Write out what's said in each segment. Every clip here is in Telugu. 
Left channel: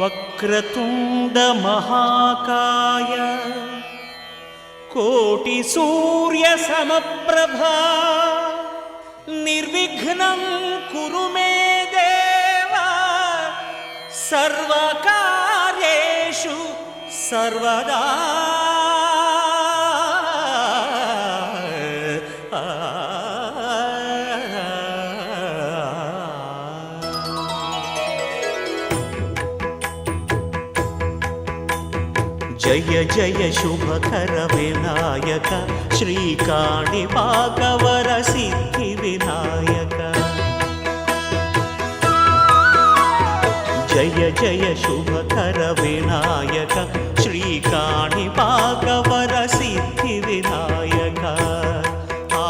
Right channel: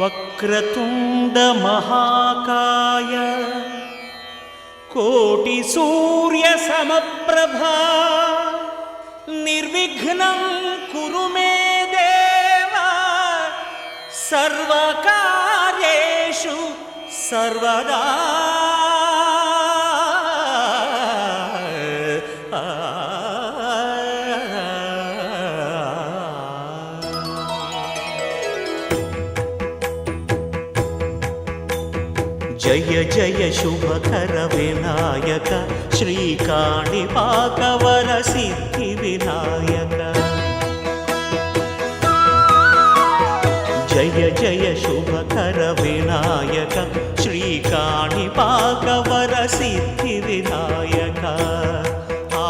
వక్రతుండ మహాకాయ కోటి సూర్య సమప్రభా నిర్విఘ్నం కురు మే దేవ సర్వకార్యేషు సర్వదా. జయ జయ శుభకర వినాయక శ్రీకాణిపాకవర సిద్ధి వినాయక. జయ జయ శుభకర వినాయక శ్రీకాణిపాకవర సిద్ధి వినాయక. ఆ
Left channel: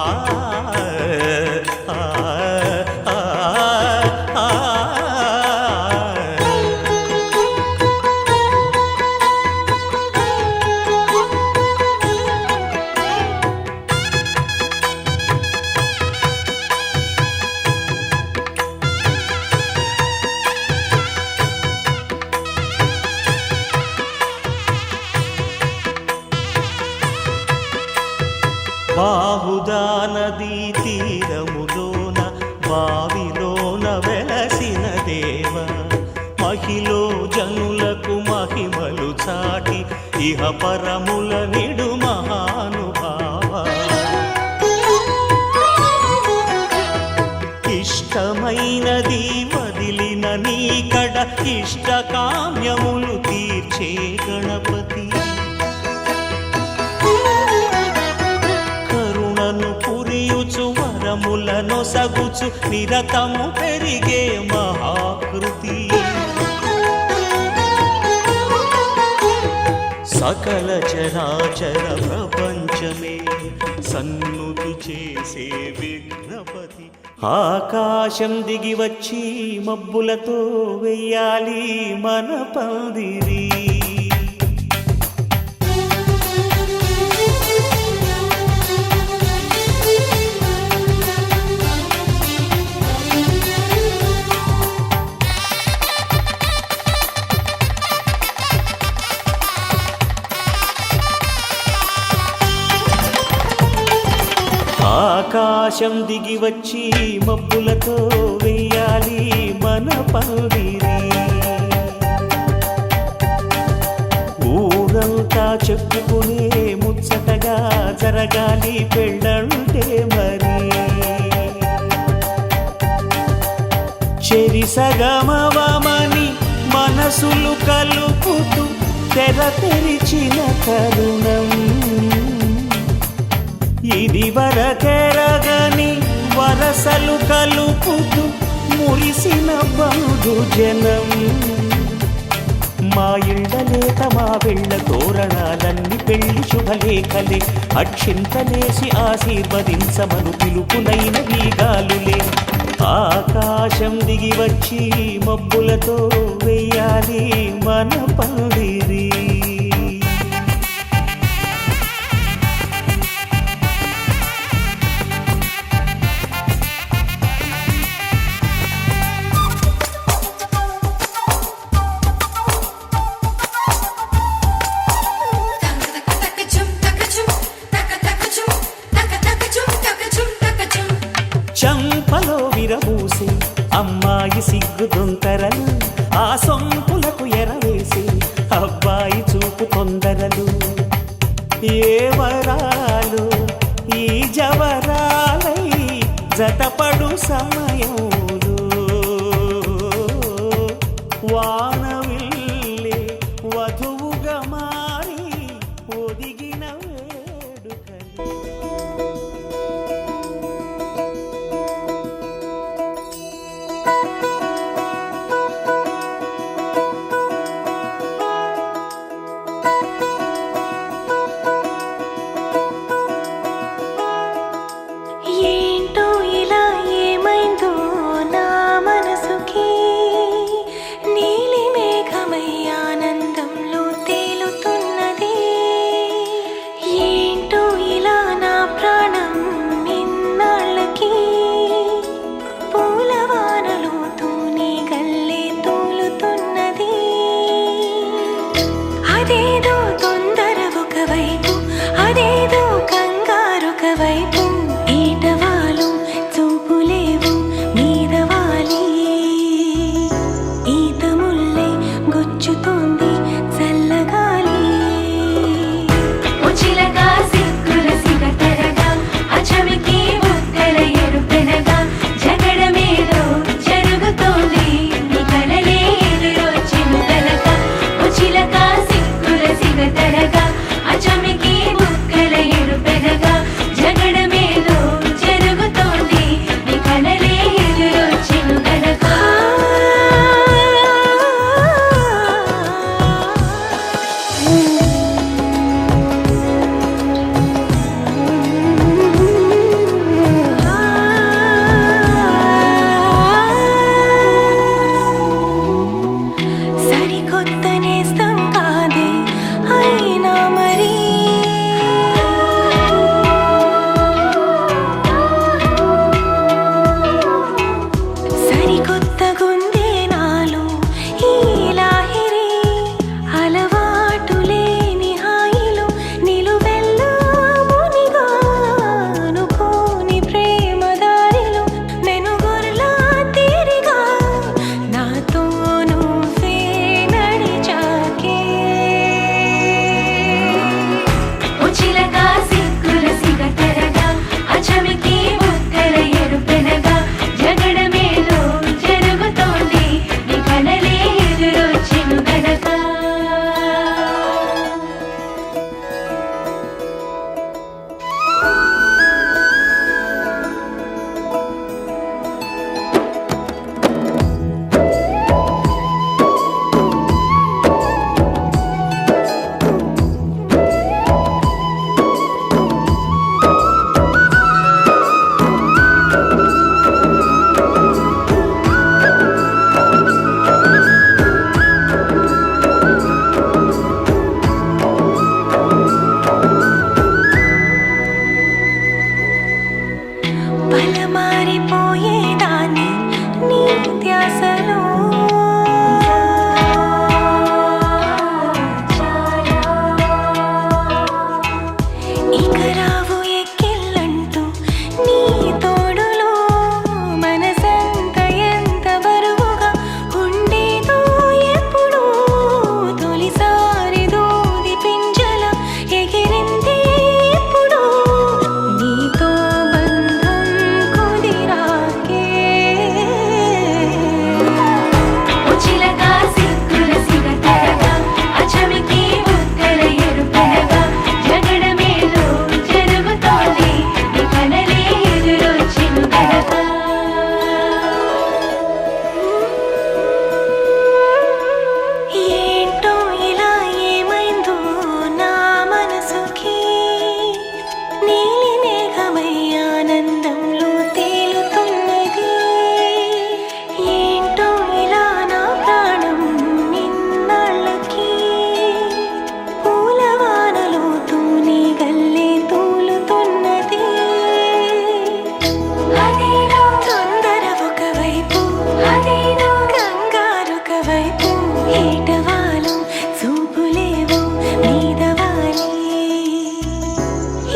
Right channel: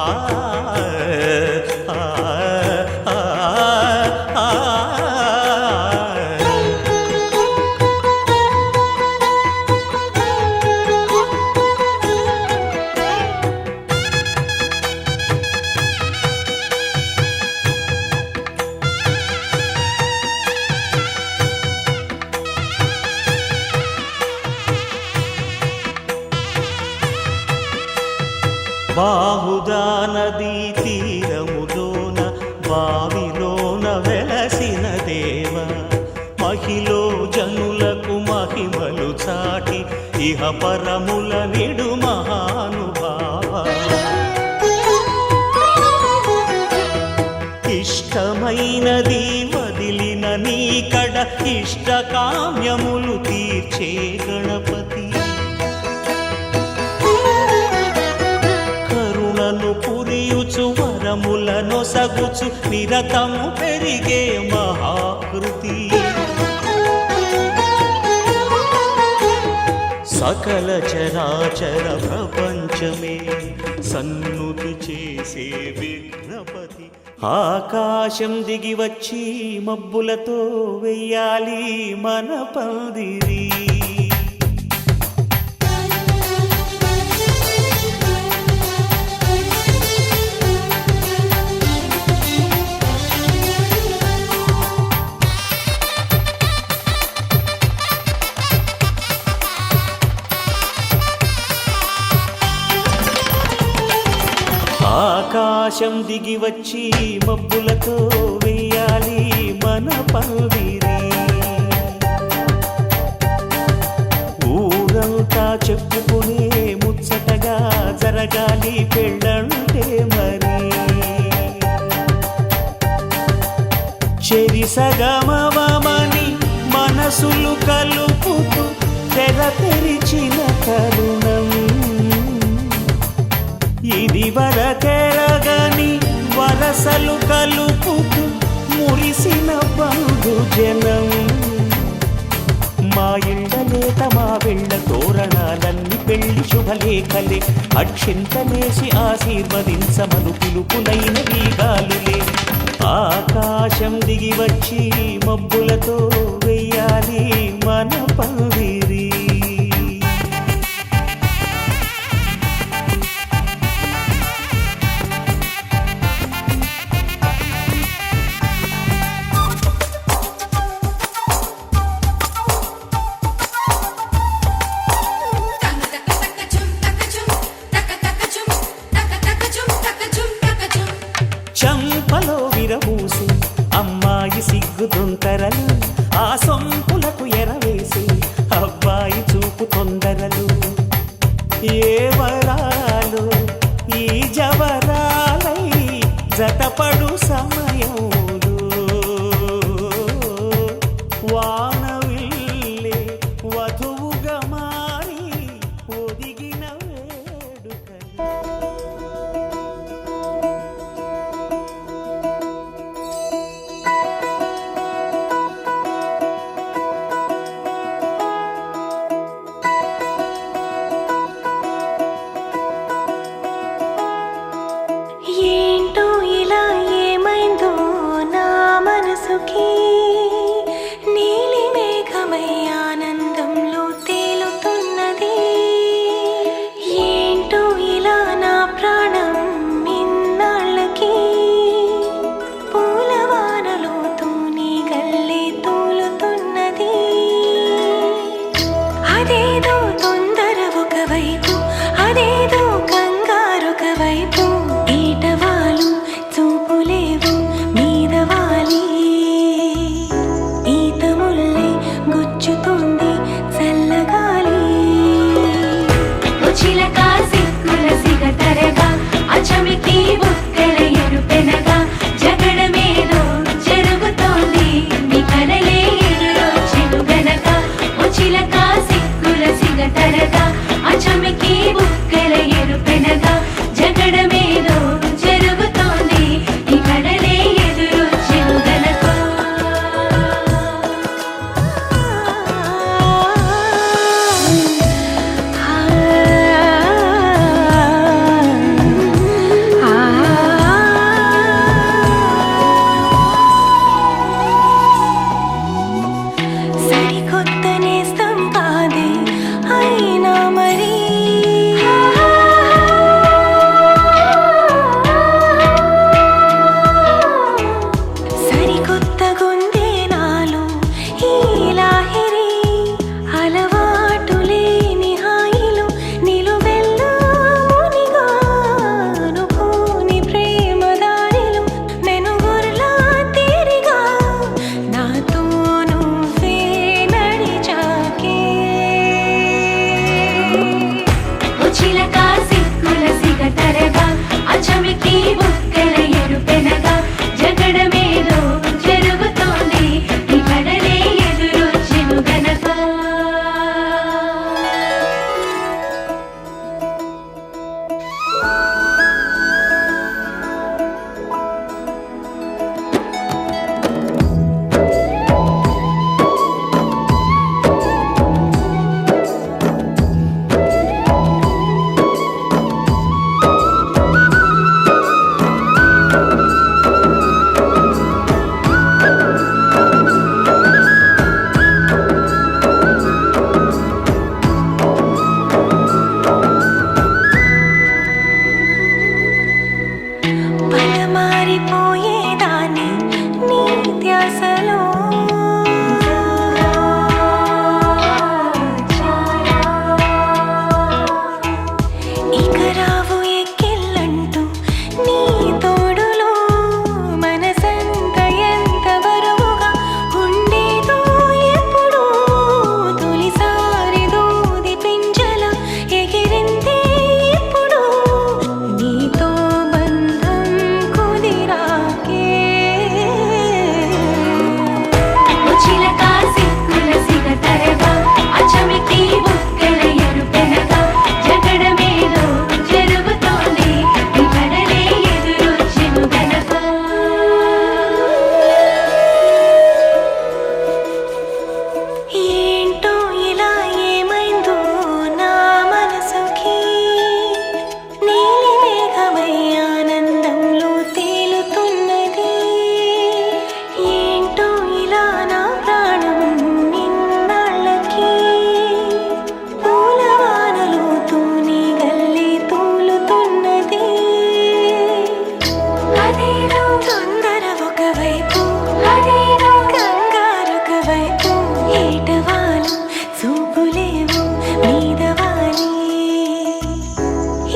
బాహుదా నదీ తీరములోన బావిలోన వెలసిన దేవ మహిలో జనులకు మహిమలు చాటి ఇహ పరముల నిడు మహానుభావ. ఇష్టమైనది వదిలిన నీకడ ఇష్టకామ్యములు తీర్చే గణపతి. పురియుచు వరములను సగుచు నిరతము పెరిగే మహాకృతి. సకల చరాచర ప్రపంచమే సన్నుతి చేసే విఘ్నపతి. ఆకాశం దిగి వచ్చి మబ్బులతో వెయ్యాలి మన పందిరి. ఆకాశం దిగి వచ్చి మబ్బులతో వెయ్యాలి మన పందిరి. ఊరంతా చెప్పుకునే ముచ్చటగా జరగాలి పెళ్ళంటే మరి. చెరిసగమవమని మనసులు కలుపుతూ తెర తెరిచిన తరుణం. ఇది వరకెరగని వరసలు కలుపుతూ మురిసిన బంధు జనం. మా ఇళ్ళలేత మా వెళ్ళ తోరణాలన్నీ పెళ్లి శుభలేఖలే. అక్షింతలేసి ఆశీర్వదించమను పిలుపులైన వీగాలులే. ఆకాశం దిగి వచ్చి మబ్బులతో వెయ్యాలి మన పందిరి. చంపలో విరబూసి అమ్మాయి సిగ్గు దొంతరలు. ఆ సొంపులకు ఎరవేసి అబ్బాయి చూపు తొందరలు. ఏ వరాలు ఈ జవరాలై జతపడు సమయంలో వానవిల్లే వధువుగా మారి ఒదిగిన వేడుకలు. ఏంటో ఇలా ఏమైందో నా మనసుకి. నీలి మేఘమై ఆనందంలో తేలుతున్నది. ఏంటో ఇలా నా ప్రాణం ఇన్నాళ్ళకి పూలవానలో తూని గల్లే తూలుతున్నది. అదేదో కంగారొక వైపు ఏటవాలు చూపులేవు మీదవాలి ఈత ముల్లే గుచ్చుతోంది చల్లగాలి సరికొత్త నేస్తం కాదే అయినా మరి సరికొత్త గుందే నాలో ఈ లాహిరి అలవాటు లేని హాయిలో నిలువెల్లా మునిగా అనుకోని ప్రేమ దారిలో మెనుగుర్లా తీరిగా నాతో నువ్వే నడిచాకే మారిపోయేదాన్ని నీ ధ్యాసలో ఇక రావు ఎక్కిళ్ళంటూ నీ తోడులో మనసంత ఎంత బరువుగా ఉండేదో ఎప్పుడు తొలిసారి దూది పింజల ఎగిరింది ఇప్పుడు నీతో బంధం కుదిరాకే ఏంటో ఇలా ఏమైందో నా మనసుకి నీలి మేఘమై ఆనందంలో తేలుతున్నది ఏంటో ఇలా నా ప్రాణం నిన్నాళ్ళకి పూలవానలో తూని గల్లే తూలుతున్నది తొందర ఒకవైపు కంగారొక వైపు ఏటవాలు చూపులేవు మీదవాలి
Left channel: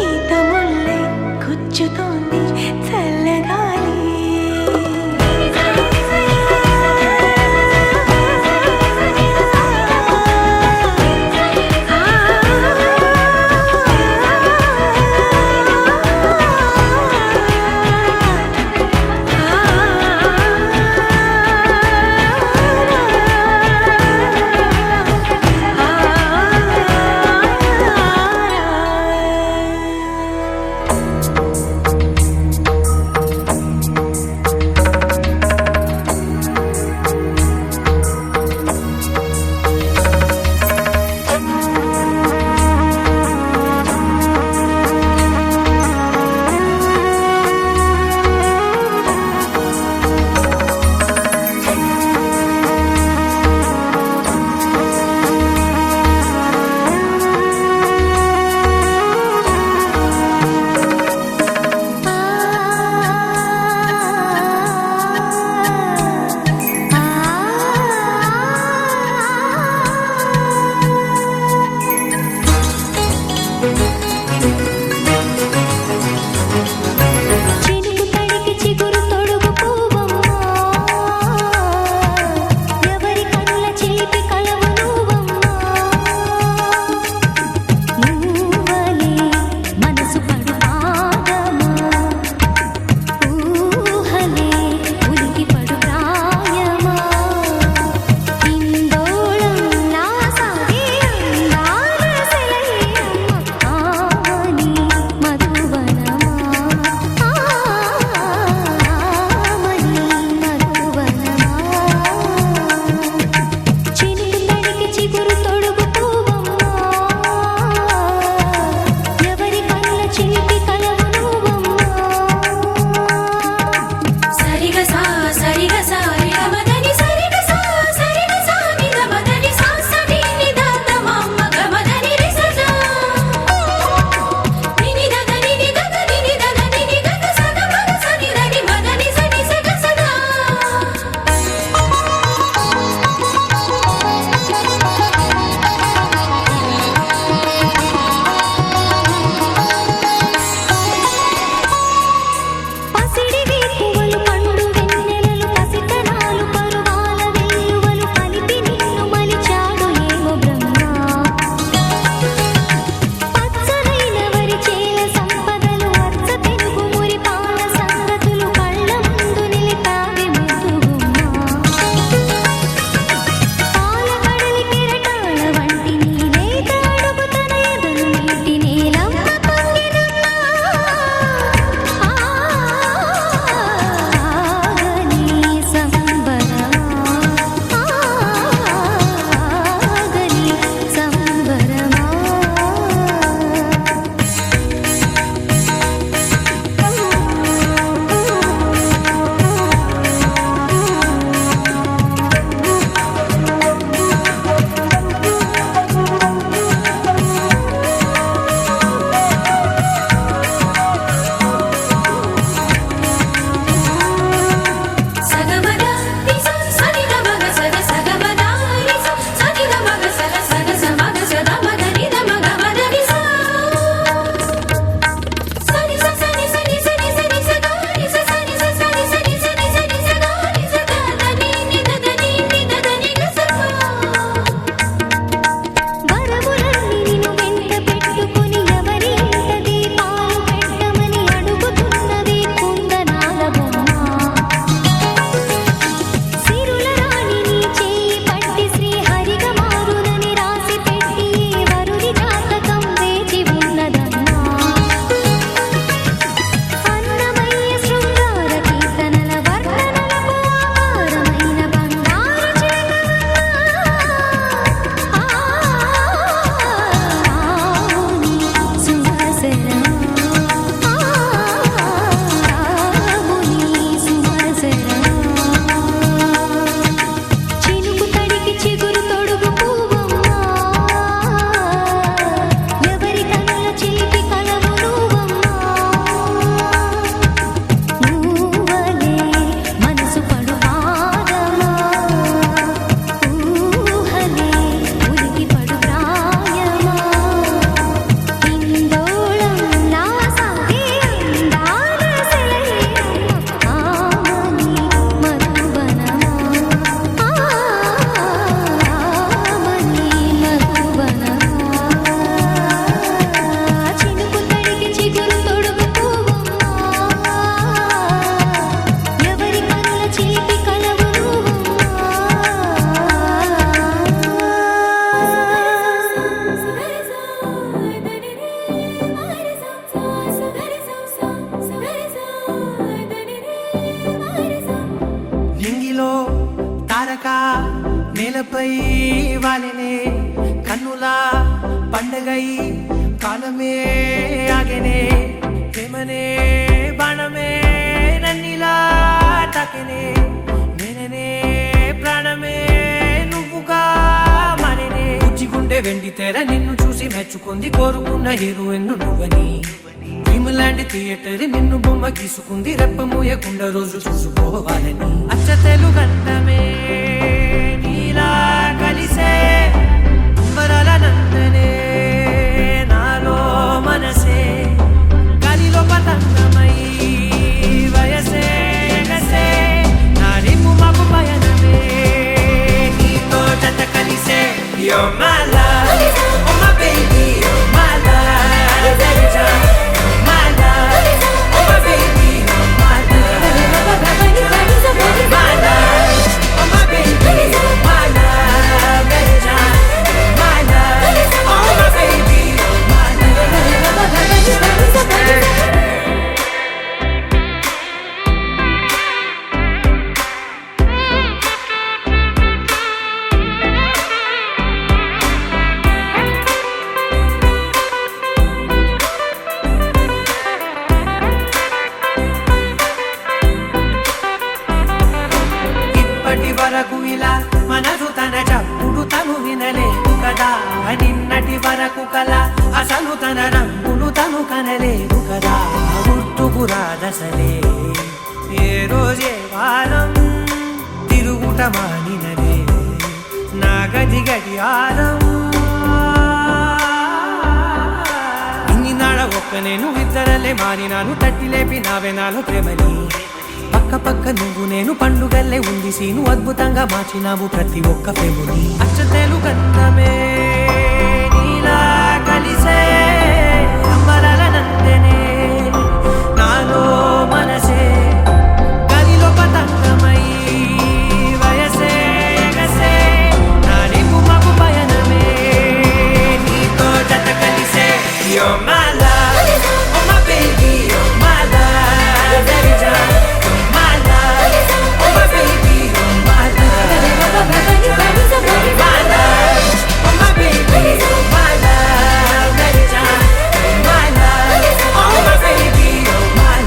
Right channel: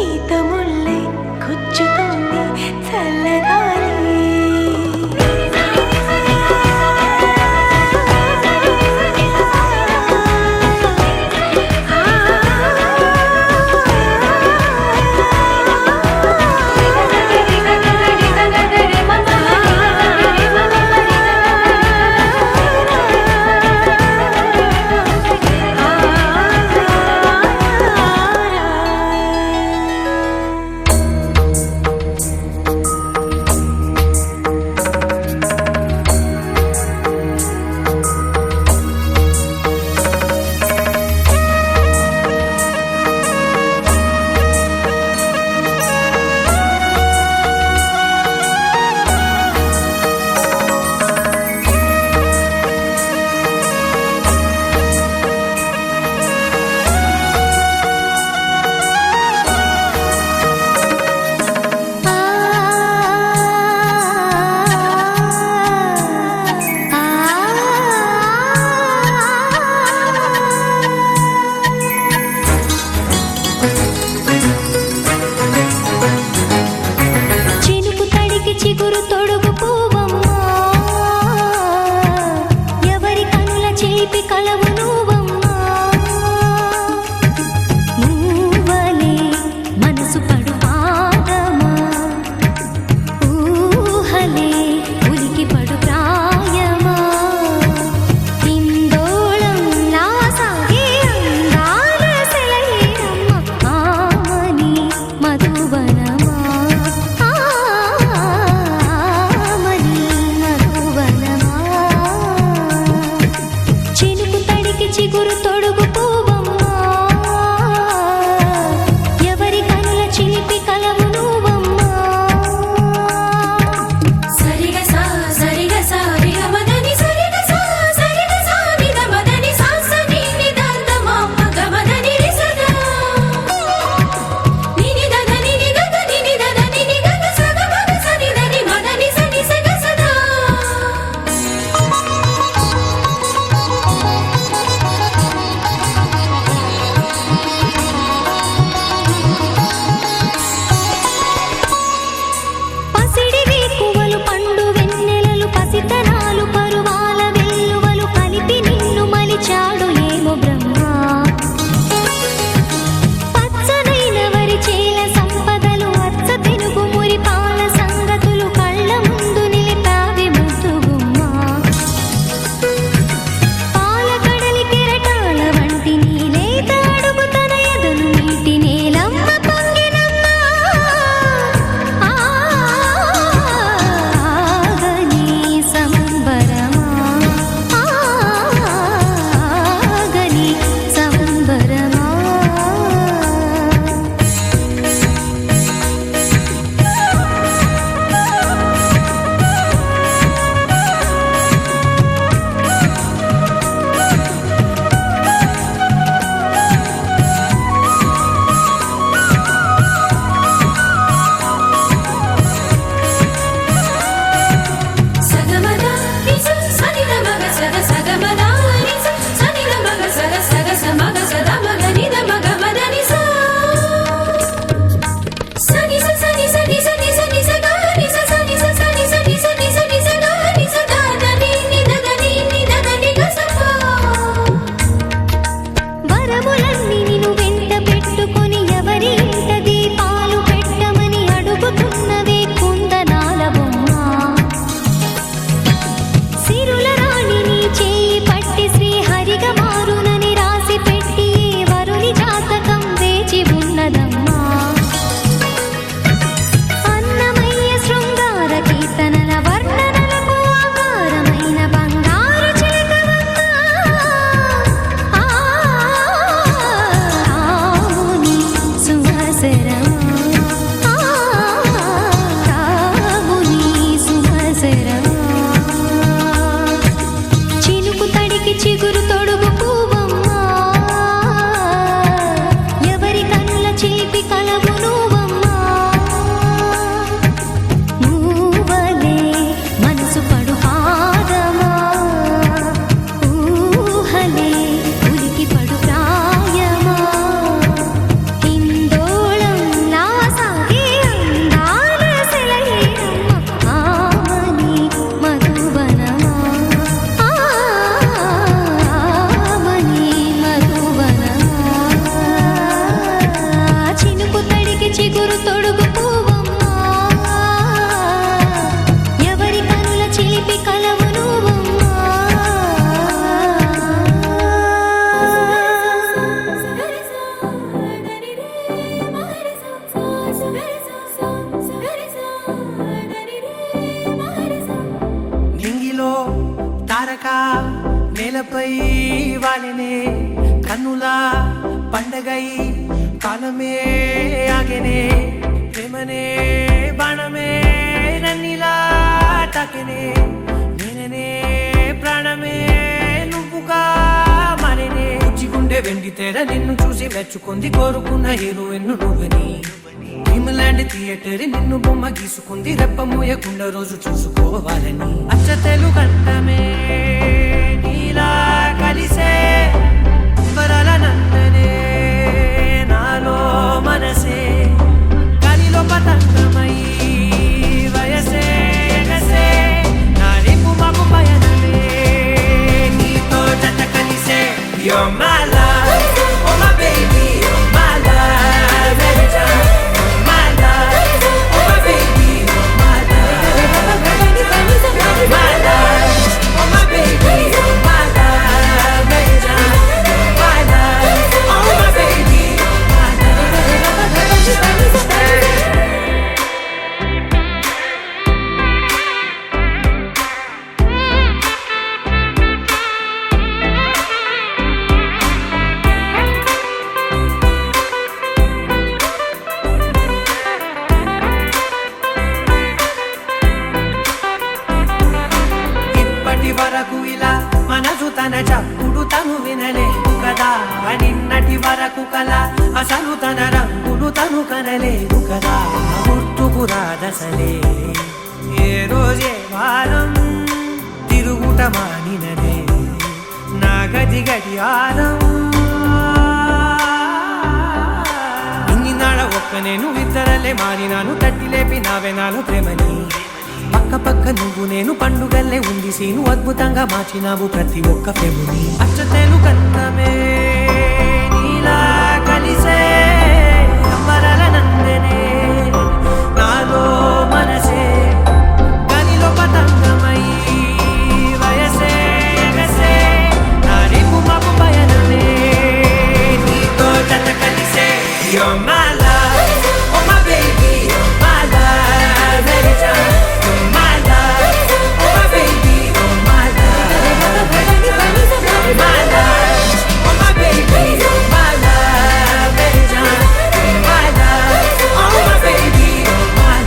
ఈత ముల్లే గుచ్చుతోంది చల్లగాలి చిగురు తొడుగు పువ్వమ్మా, ఎవరి కనుల చిలిపి కలవు నువ్వమ్మా. మూవలే మనసు పడు పాదమా, ఊహలే ఉలికి పడు ప్రాయమా. ఇందోళంలా సాగే అందాల సెలయేరమ్మ, ఆమని మధువనమా, ఆమని మధువనమా. చినుకు తడికి చిగురు తొడుగు పువ్వమ్మా, ఎవరి కనుల చిలిపి కలవు నువ్వమ్మా. సరిగ సా సరిగ సా రిగ మదని సరిగ సా సరిగ సా నిద మదని సా సని నిదాత మమ్మ గమదని రిసదా నిని దద నిని గద నిని దద నిని గద సగ మగ సని దని మదని సని సగ సదా. పసిడి వేకువలు పండు వెన్నెలలు పసితనాలు పరువాల వెల్లువలు కలిపి నిన్ను మలిచాడు ఏమో బ్రహ్మ. పచ్చనైన వరి చేల సంపదలు అచ్చ తెలుగు మురి పాల సంగతులు కళ్ళ ముందు నిలిపావి ముద్దుగుమ్మ. పాల కడలి కెరటాల వంటి నీలేత అడుగు తన ఎదను మీటి నేలమ్మ పొంగినమ్మ. ఆగని సంబరమా, ఆగని సంబరమా. సగమద రిస సని ద మగ సద సగమద రిస సని ద మగ సద సగ సమగ సద మగ ని ద మగ మదని సా సని స సని సని సని సని స గ ని స సని స సని సని సని సని స గ ని స గ ద ని ని ద ద ని ని ద ద ని గ స పా. వరములన్నీ నిన్ను వెంట పెట్టుకొని ఎవరి ఇంట దీపాలు పెట్టమని అడుగుతున్నవే కుందనాల బొమ్మ. సిరుల రాణి నీ చేయి పట్టి శ్రీహరిగా మారునని రాసి పెట్టి ఏ వరుని జాతకం వేచి ఉన్నదమ్మా. అన్నమయ్య శృంగార కీర్తనల వర్ణనలకు ఆకారమైన బంగారు చిలకవమ్మా. రాముని సుమసరమా, రాముని సుమసరమా. చినుకు తడికి చిగురు తొడుగు పువ్వమ్మా, ఎవరి కనుల చిలిపి కలవు నువ్వమ్మా. మూవలే మనసు పడు పాదమా, ఊహలే ఉలికి పడు ప్రాయమా. ఇందోళంలా సాగే అందాల సెలయేరమ్మ, ఆమని మధువనమా, ఆమని మధువనమా. చినుకు తడికి చిగురు తొడుగు పువ్వమ్మా, ఎవరి కనుల చిలిపి కలవు నువ్వమ్మా. నింగిలో తారక నేలపై వాలినే కన్నుల పండగై కాలమే ఆగెనే. ప్రేమనే బాణమే నన్నిలా తాకెనే, నేననే ప్రాణమే నువ్వుగా మారేనే. గుండె వెండి తెర నిన్ను చూసి మెచ్చుకుంది, కోరుకున్న హీరోయిన్ నువ్వని. భీమలాంటి థియేటర్ నిన్ను బొమ్మ గీసుకుంది, రెప్ప మూయకుండా రోజు చూసుకోవాలని. అచ్చ తెలుగంటమే నీలా కలిసే అంబరాల నందనే నాలో మనసే, గాలిలో పతంగమై వయసే You're my love, oh my baby, you're my love. Every time, you're my love, oh my baby, you're my love. You're my love, oh my baby, you're my love. Every time, you're my love, oh my baby, you're my love. ఇప్పటి వరకు ఇలా మనసు తన చప్పుడు తను వినలేదు కదా, నిన్నటి వరకు కల అసలు తన రంగులు తను కనలేదు కదా. గుర్తుకు రాదసలే ఏ రోజే వారం తిరుగుట మానినదే నా గది గడియారం. ఇన్ని నాడ ఒక్క నేను ఇద్దరలే మారినాను, తట్టి లేపి నావే నాలో ప్రేమని. పక్క పక్క నువ్వు నేను పండుగల్లే ఉంది సీను, అద్భుతంగా మార్చినావు ప్రతి ఒక్క ప్రేముని. అచ్చతేలు కందమే నీలా కలిసే అంబరాల నందనే నాలో మనసే గలిలో పతంగమై వయసే ఎగసే నా రేపు మాకు పయనమే నీతో జత కలిసే. You're my love, oh my baby, you're my love. Every time, you're my love, oh my baby, you're my love. You're my love, oh my baby, you're my love. Every time, you're my love, oh my baby, you're my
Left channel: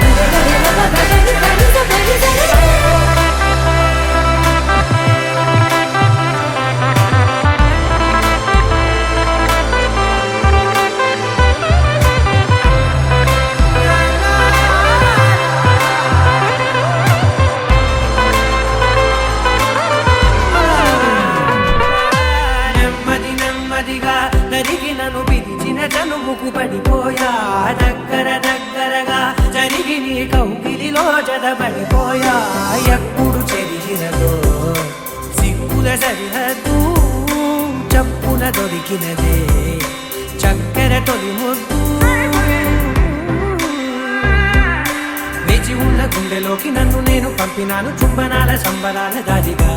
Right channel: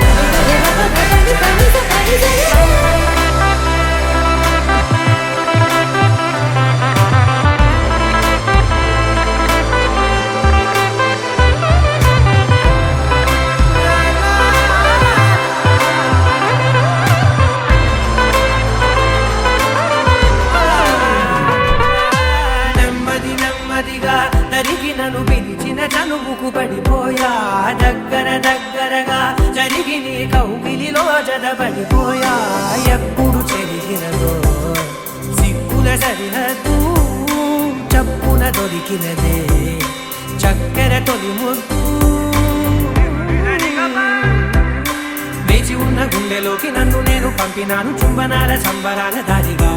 నెమ్మది నెమ్మదిగా నరిగి నన్ను పిలిచిన చనువుకు పడిపోయా, దగ్గర దగ్గరగా జరిగి నీ కౌగిలిలో జదబడిపోయా. ఎప్పుడు చెరిగినదో సిక్కుల సరిహద్దు చప్పున దొరికినదే చక్కెర తొలి ముద్దు. వేచి ఉన్న గుండెలోకి నన్ను నేను పంపినాను, చుంబనాల సంబరాల దారిగా.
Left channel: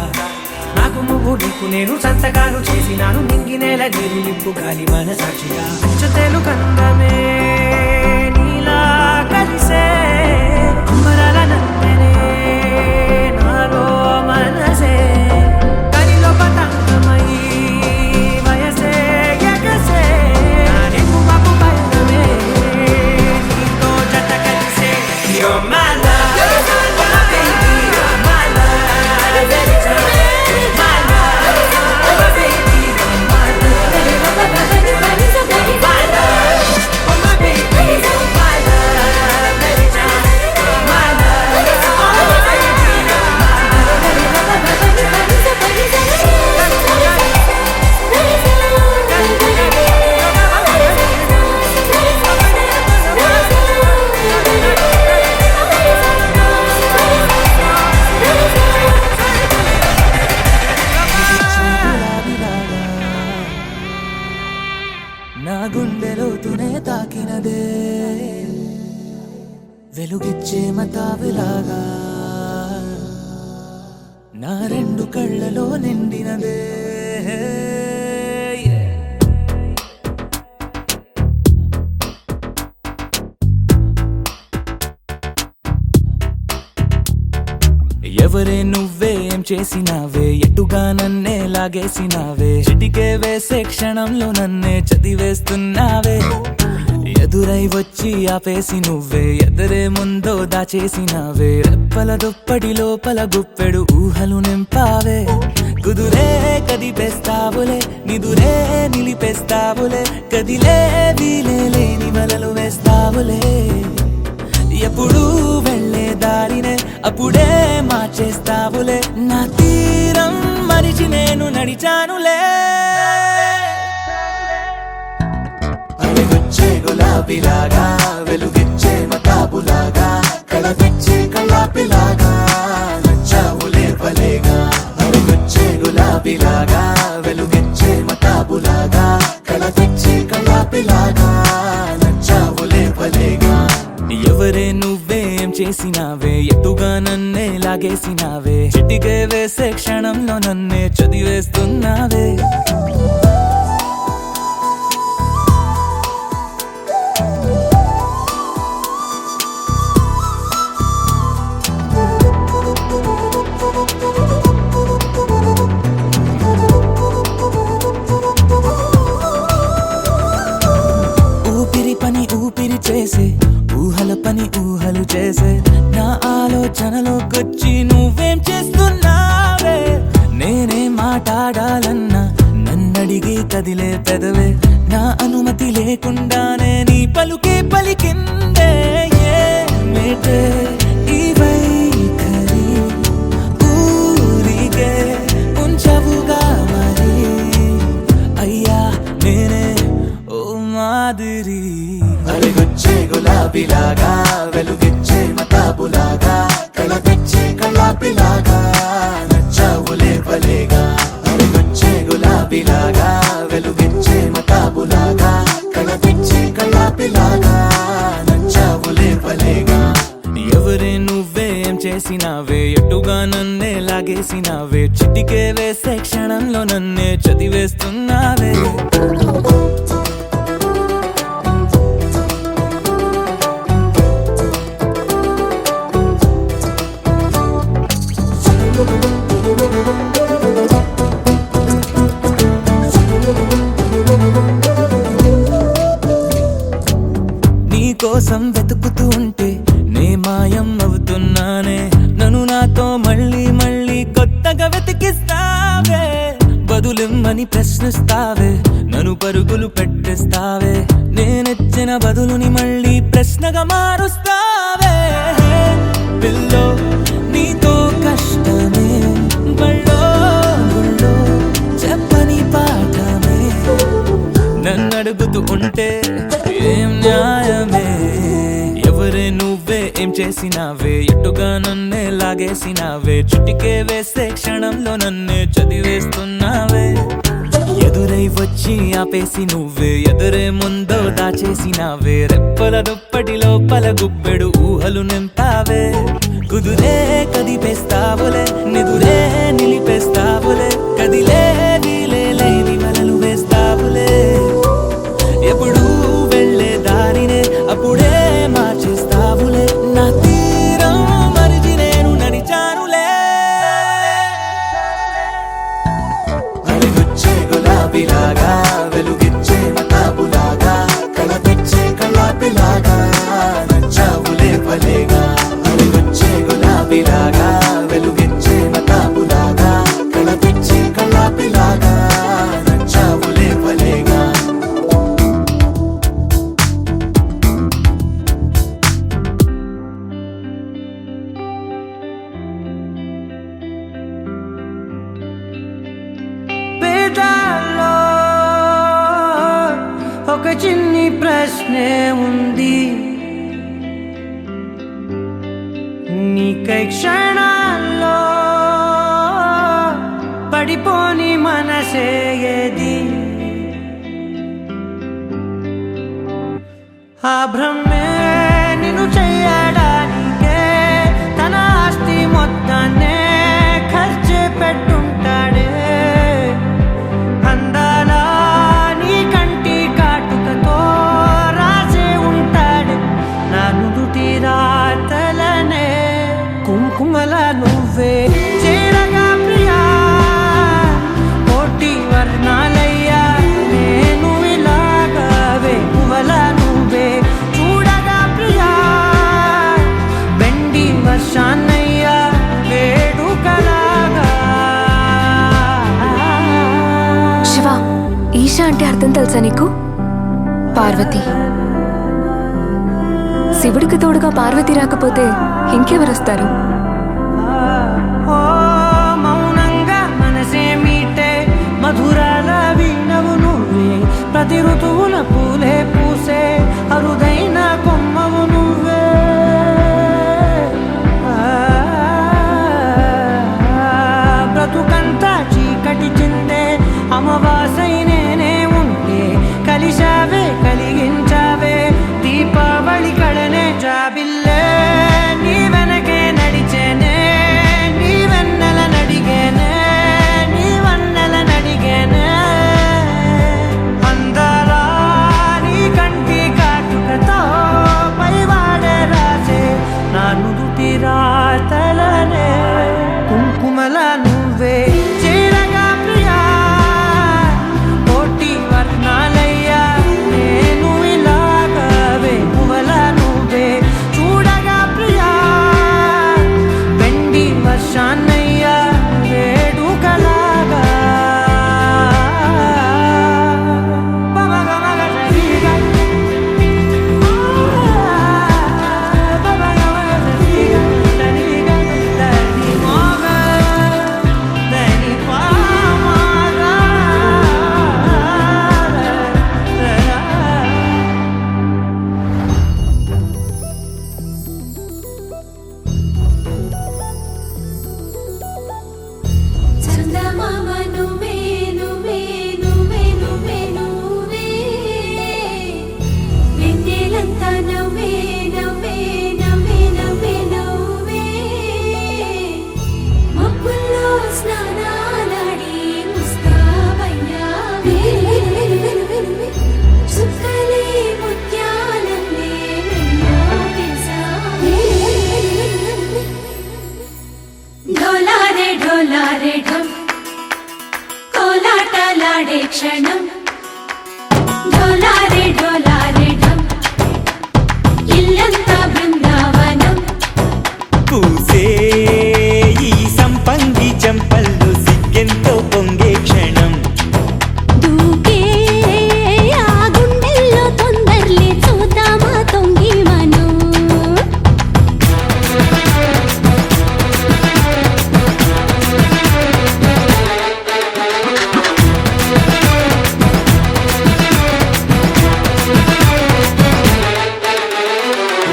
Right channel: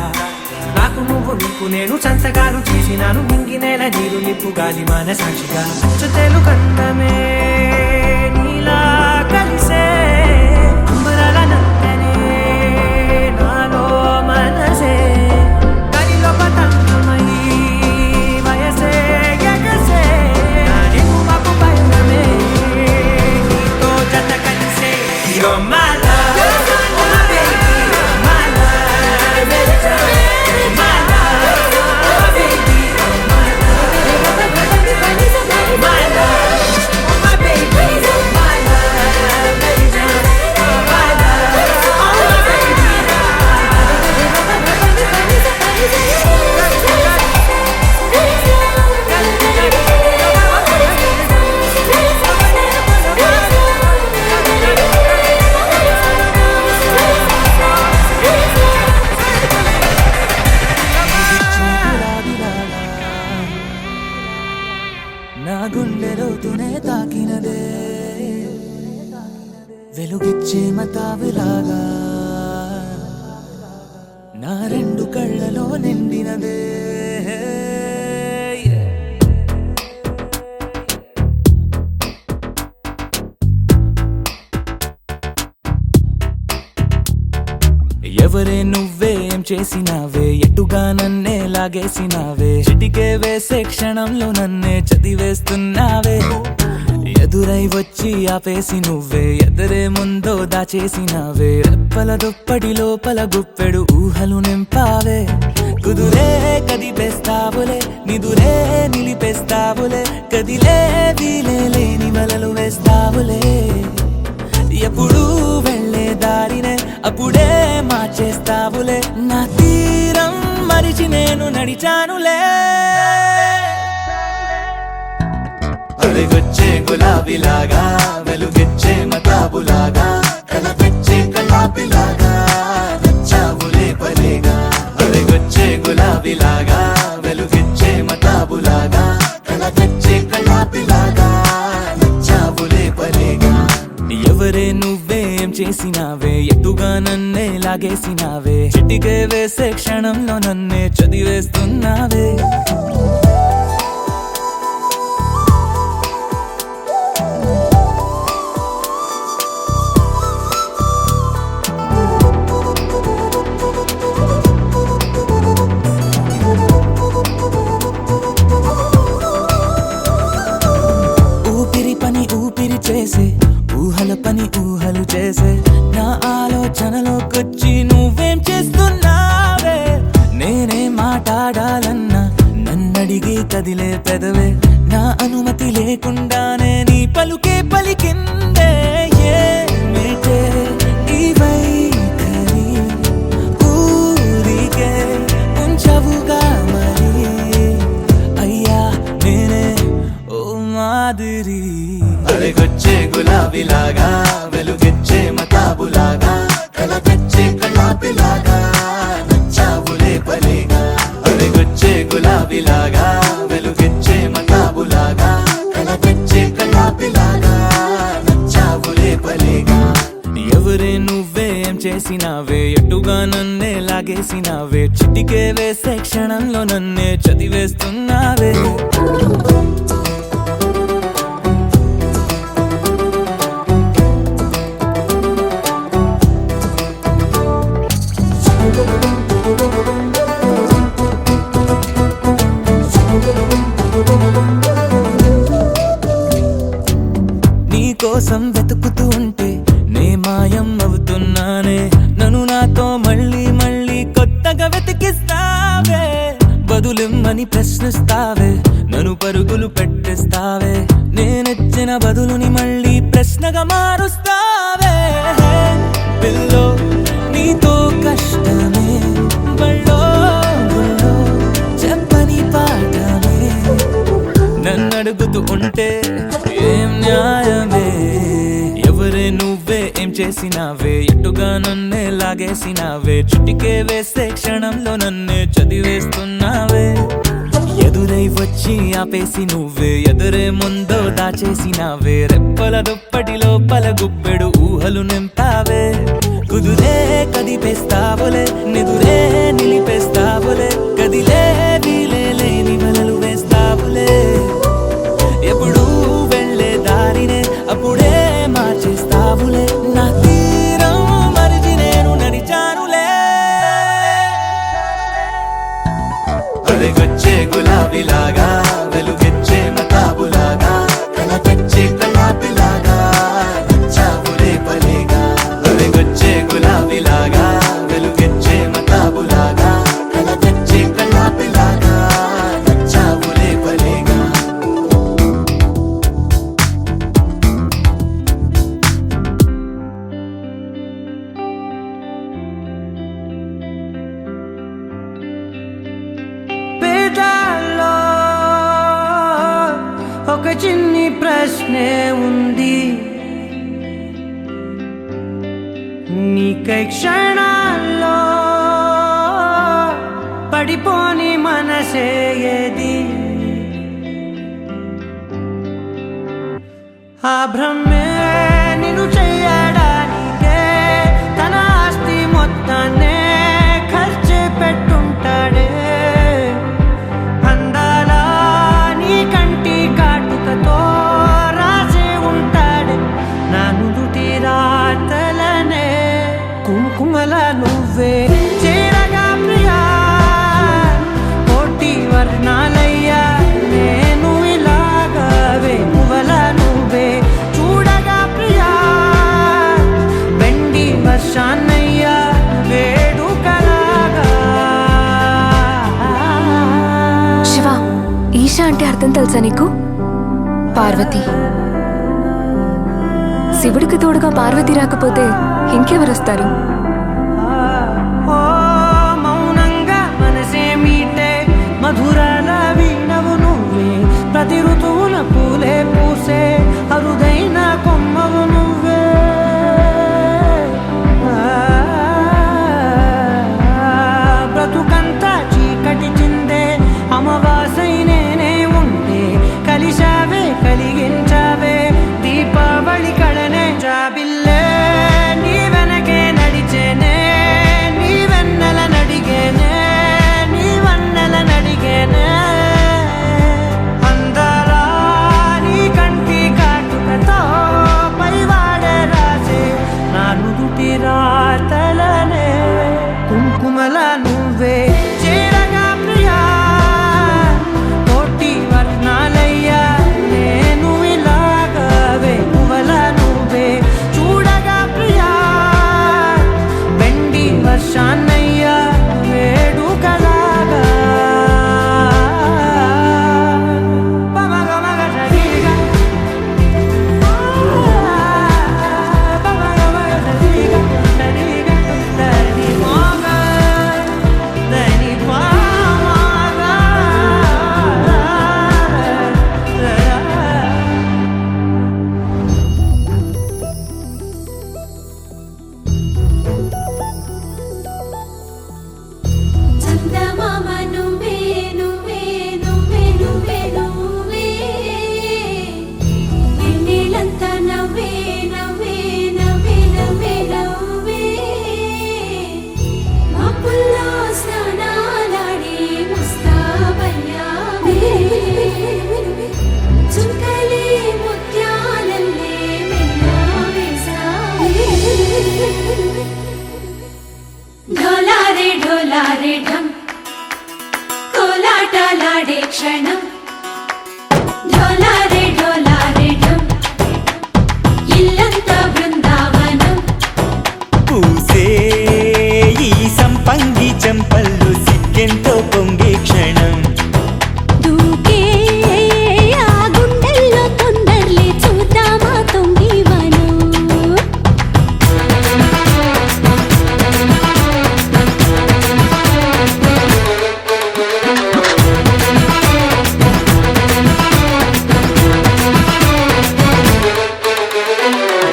నాకు నువ్వు నీకు నేను సంతకాలు చేసినాను, మింగినేల దిగులిప్పు గాలి మన సాక్షిగా. అచ్చతేలు కందమే నీలా కలిసే అంబరాల నందనే నాలో మనసే గలిలో పతంగమై వయసే ఎగసే నా రేపు మాకు పయనమే నీతో జత కలిసే. You're my love, oh my baby, you're my love. Every time, you're my love, oh my baby, you're my love. You're my love, oh my baby, you're my love. Every time, you're my love, oh my baby, you're నా గుండెలోతునే తాకినదే వెలుగిచ్చే మతాబులాగా, నా రెండు కళ్ళలో నిండినదే. ఎవరే నువ్వేం చేసినావే, ఎటుగా నన్నే లాగేసినావే, చిటికే వేసే క్షణంలో నన్నే చదివేస్తున్నావే. ఎదురై వచ్చి ఆపేసి నువ్వే ఎదరే ముందో దాచేసినావే, రెప్పల దుప్పటి లోపల గుప్పెడు ఊహలు నింపావే. కుదురే కదిపేస్తావులే, నిదురే నిలిపేస్తావులే, కదిలే వీలే లేని వలలు వేస్తావులే. ఎప్పుడు వెళ్ళే దారినే అప్పుడే మార్చేస్తావులే, నా తీరం మరిచి నేను నడిచానులే. అలిగొచ్చే గులాబీలాగా వెలుగిచ్చే మతాబులాగా, కలపిచ్చే కలాపిలాగా నచ్చావులే భలేగా. అలిగొచ్చే గులాబీలాగా వెలుగిచ్చే మతాబులాగా, ఎవరే నువ్వేం చేసినావే ఎటుగా నన్నే లాగేసినావే చిటికే వేసే క్షణంలో నన్నే చదివేస్తున్నావే ఊపిరి పని ఊపిరి చేసే ఊహల పని ఊహలు చేసే నా ఆలోచనలోకొచ్చి నువ్వేం చేస్తున్నావే నేనే మాట్లాడాలన్నా నన్నడిగి కదిలే పెదవే నా అనుమతి లేకుండానే నీ పలుకే పలికిందే ఏమిటే ఈ వైఖరి ఊరికే ఉంచవుగా మరి అయ్యా నేనే ఓ మాదిరి అడిగొచ్చే గులాబీలాగా వెలుగిచ్చే మతాబులాగా కలపిచ్చే కళ్ళాపిలాగా నచ్చావులే పలేగా అడిగొచ్చే గులాబీలాగా వెలుగిచ్చే మతాబులాగా కలపిచ్చే కళ్ళాపిలాగా నచ్చావులే పలేగా ఎవరే నువ్వేం చేసినావే ఎటుగా నన్నే లాగేసినావే చిటికే వేసే క్షణంలో నన్నే చదివేస్తున్నావే నీ కోసం వెతుకుతూ ఉంటే నే మాయం అవుతున్నానే నన్ను నాతో మళ్ళీ మళ్ళీ కొత్తగా వెతికిస్తావే బదులిమ్మని ప్రశ్నిస్తావే నన్ను పరుగులు పెట్టిస్తావే నేనెచ్చిన బదులుని మళ్ళీ ప్రశ్నగా మారుస్తావే పిల్లో నీతో కష్టమే బళ్ళో గుళ్ళో చెప్పని పాఠమే నన్నడుగుతూ ఉంటే ఏం న్యాయమే ఎవరే నువ్వే ఏం చేసినావే ఎటుగా నన్నే లాగేసినావే చుటికే వేసే క్షణంలో నన్నే చదివేస్తున్నావే ఎదురై వచ్చి ఆపేసి నువ్వే ఎదురే ముందో దాచేసినావే రెప్పల దుప్పటి లోపల గుప్పెడు ఊహలు నింపావే కుదురే కదిపేస్తావులే నిదురే నిలిపేస్తావులే కదిలే వీలే లేని వలలు వేస్తావులే ఎప్పుడు వెళ్ళే దారినే అప్పుడే మార్చేస్తావులే నా తీరం మరిచి నేను నడిచానులే అడిగొచ్చే గులాబీలాగా వెలుగిచ్చే మతాబులాగా కలపిచ్చే కళ్ళాపిలాగా నచ్చావులే పలేగా అడిగొచ్చే గులాబీలాగా వెలుగిచ్చే మతాబులాగా కలపిచ్చే కళ్ళాపిలాగా నచ్చావులే పలేగా పేదాల్లో ఒక చిన్ని ప్రశ్నే ఉంది నీకై క్షణాల్లో పడిపోని మనసే ఏది ఆ భ్రమే నిన్ను చెయ్యడానికే తన ఆస్తి మొత్తాన్నే ఖర్చు పెట్టుంటాడే అందాల నీ కంటి కాటుకతో రాసే ఉంటాడే నా నుదుటి రాతలనే కుంకుమల నువ్వే చేరగా ప్రియా కోటి వర్ణాలయ్యా నేను ఇలాగవే పువ్వల నువ్వే చూడగా ప్రియా వెండి వర్షాన్నయ్యా వేడుకలాగా శివ ఈశా అంటే అర్థం తెలుసా నీకు? పార్వతి. శివుడికి తోడుగా పార్వతి రాకపోతే ఇంకెవరొస్తారు? ఓ మౌనంగా మనసే మీటే మధురాల వీణవు నువ్వే ప్రతి ఋతువుల పూలే పూసే అరుదైన కొమ్మవు నువ్వే బ్రతుకంతా చీకటి చిందే అమవాసై నేనే ఉంటే కలిశావే కలిగించావే దీపావళి కళనే జాబిల్లే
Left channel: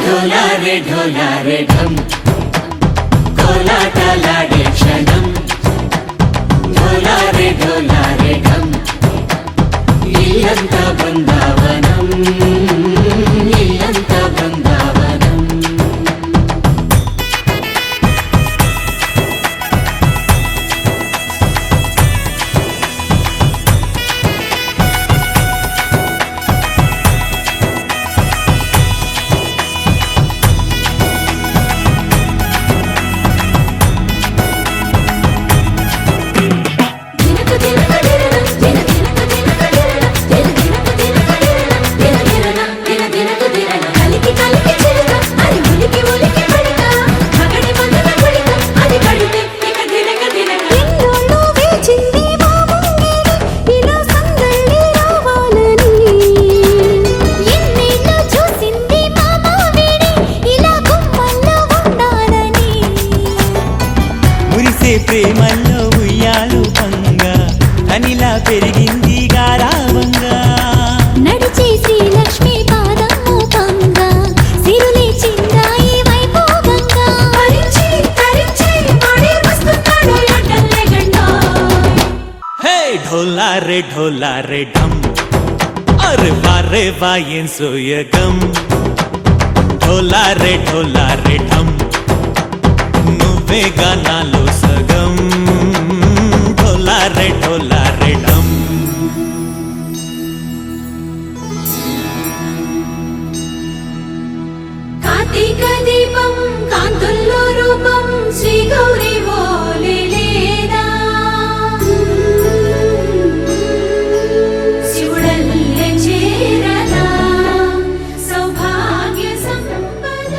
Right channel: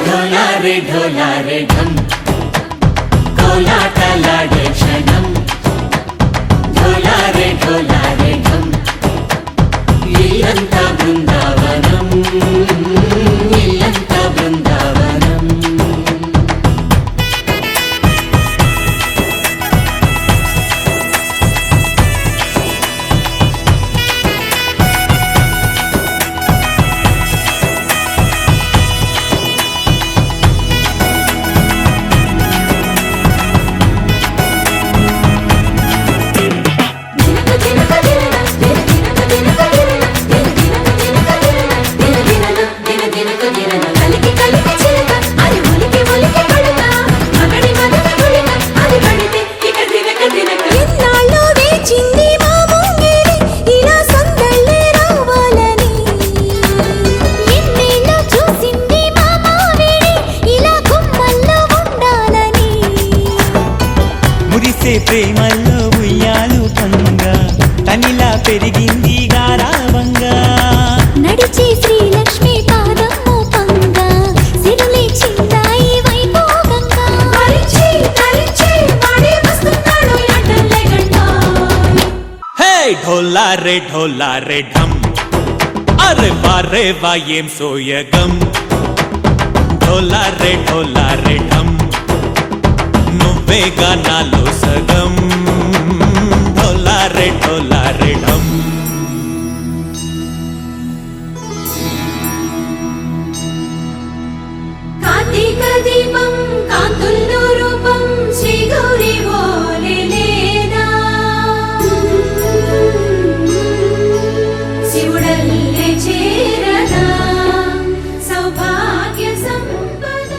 ढोलारे ढोलारे ढम కోలాటలాడే క్షణం ढोलारे ढोलारे ढम ఇల్లంతా బృందావనం ఇల్లంతా బృందావనం మురిసే ప్రేమల్లో ఉయ్యాలు పంగా కనిలా పెరిగింది గారావంగా నడిచే శ్రీలక్ష్మి పాదము పంగా సిరులే చిందాయి వైభోగంగా పరిచి పరిచి వాడి వస్తున్నాడు ఎండలే గంట హే ढोला रे ढम అరే వారే వాయేం సోయగం ढोला रे ढम నువ్వే గానాలో సగం ढोला रे ढम కార్తీక దీపం కాంతుల్లో రూపం శ్రీ గౌరీ ఓలే లేదా శివుడల్లే చేరదా సౌభాగ్య సంపద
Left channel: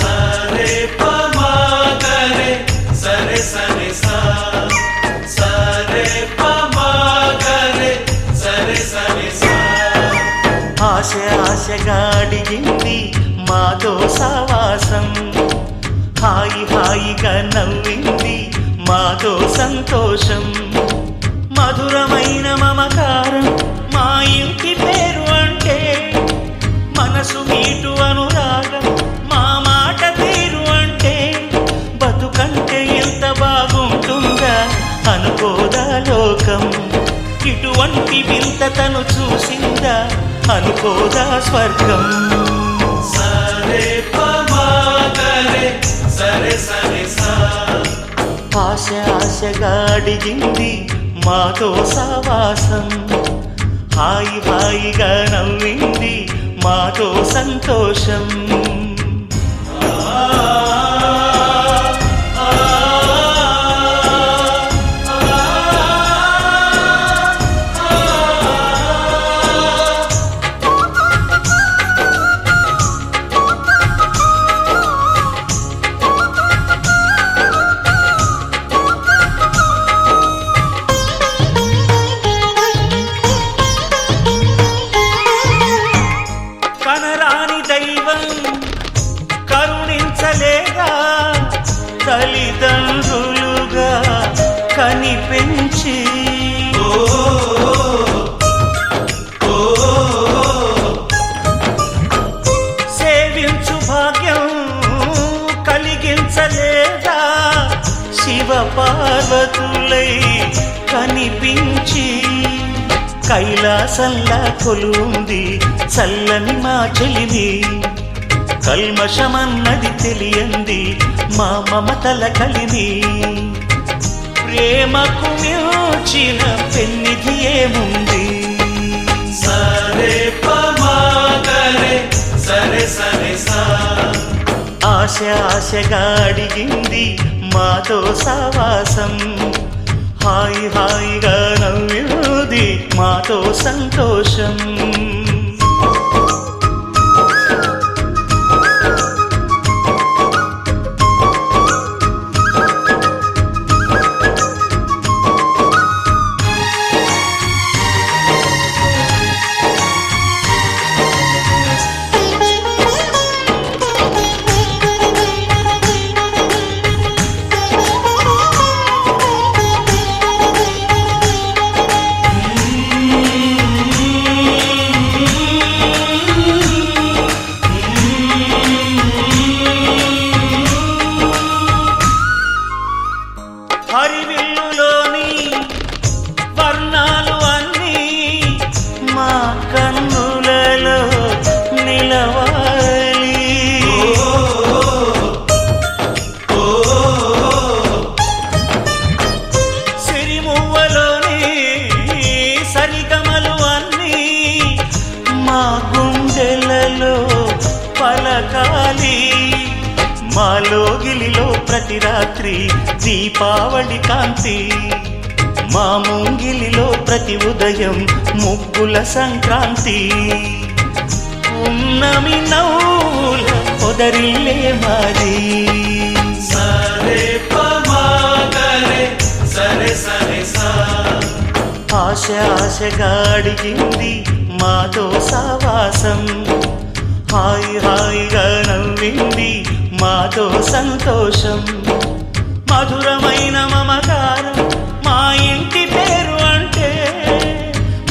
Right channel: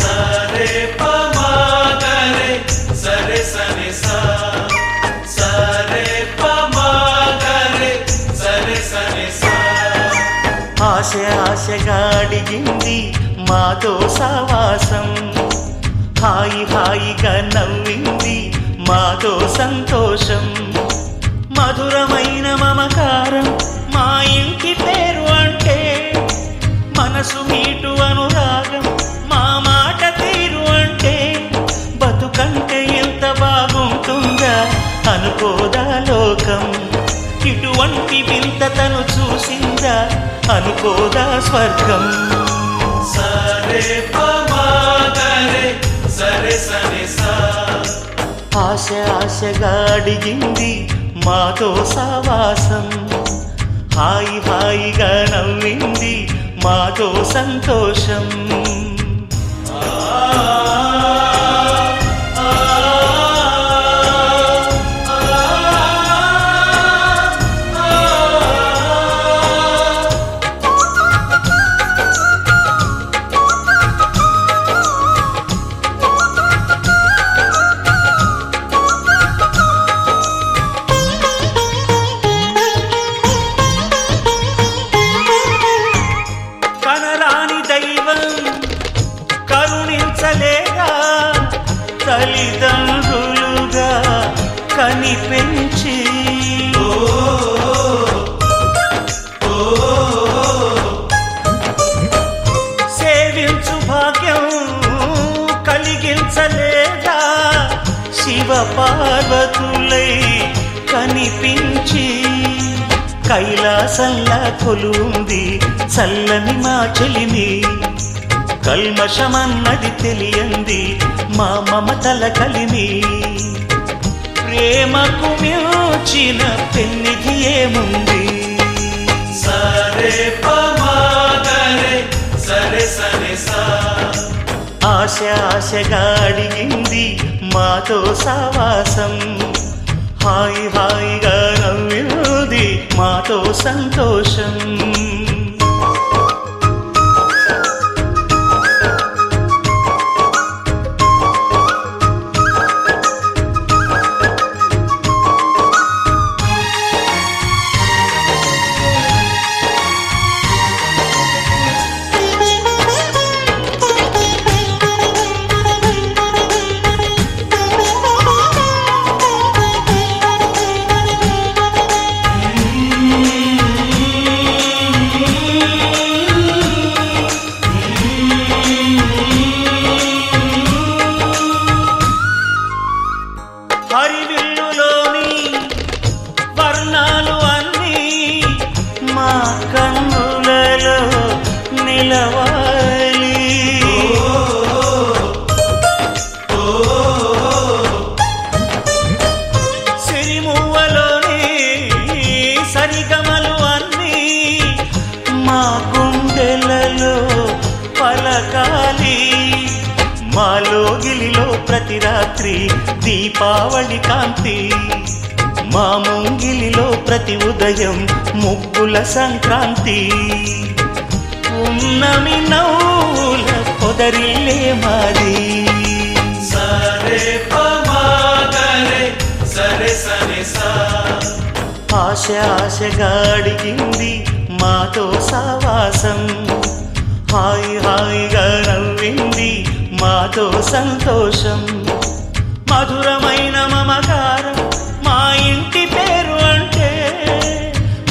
సరే పమాగరే సరే సరే సా సరే పమాగరే సరే సరే సా ఆశ ఆశగా అడిగింది మాతో సావాసం హాయి హాయిగా నవ్వింది మాతో సంతోషం మధురమైన మమకారం మా ఇంటి పేరు అంటే మనసు మీటు అనురాగం మా మాట తీరు అంటే బతుకంటే ఎంత బాగుంటుందా అనుకోదా లోకం ఇటువంటి వింత తను చూసిందా అనుకోదా స్వర్గం సరే పమాగరే సరే సరే సా ఆశ ఆశగా అడిగింది మాతో సావాసం హాయి హాయిగా నవ్వింది మాతో సంతోషం కనరాని దైవం కరుణించలేగా తల్లిదండ్రులుగా కనిపెంచి సేవించు భాగ్యం కలిగించలేదా శివ పార్వతులై కనిపించి కైలాసంలా కొలుంది చల్లని మా చెలిమి కల్మషమన్నది తెలియంది మా మమతల కలిమి ప్రేమకు మించిన పెన్నిధి ఏముంది సరే పమాగరే సరే సరే సా ఆశ ఆశగా అడిగింది మాతో సావాసం హాయి హాయిగా నవ్వింది మాతో సంతోషం వర్ణాలు అన్నీ మా కన్నులలో నిలవాలి. సిరిమువ్వలోని సరిగమలు అన్నీ మా గుండెలలో పలకాలి. మాలో గిలిలో ప్రతి రాత్రి దీపావళి కాంతి, మా ముంగిలిలో ప్రతి ఉదయం ముగ్గుల సంక్రాంతి. ఉన్నమి నవ్వుల పొదరిల్లే మాది. సరే పమాగరే సరే సరే సా. ఆశ ఆశగా అడిగింది మాతో సావాసం, హాయి హాయిగా నవ్వింది మాతో సంతోషం. మధురమైన మమకారం మా ఇంటి పేరు అంటే,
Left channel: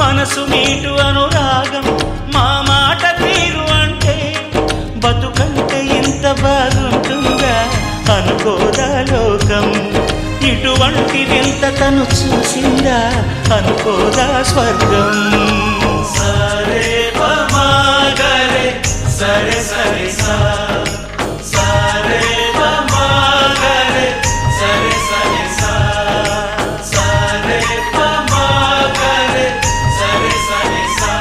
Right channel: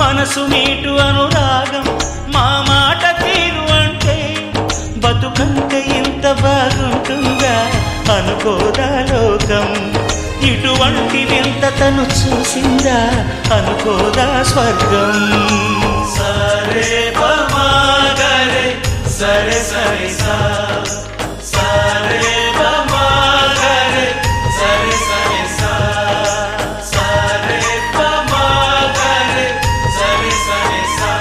మనసు మీటు అనురాగం మా మాట తీరు అంటే, బతుకంటే ఇంత బాగుంటుందా అనుకోదా లోకం. ఇటువంటి వింత తను చూసిందా అనుకోదా స్వర్గం. సరే పమాగరే సరే సరే సా. సరే పమాగరే సరే సరే సా. సరే పమాగరే సరే సరే సా.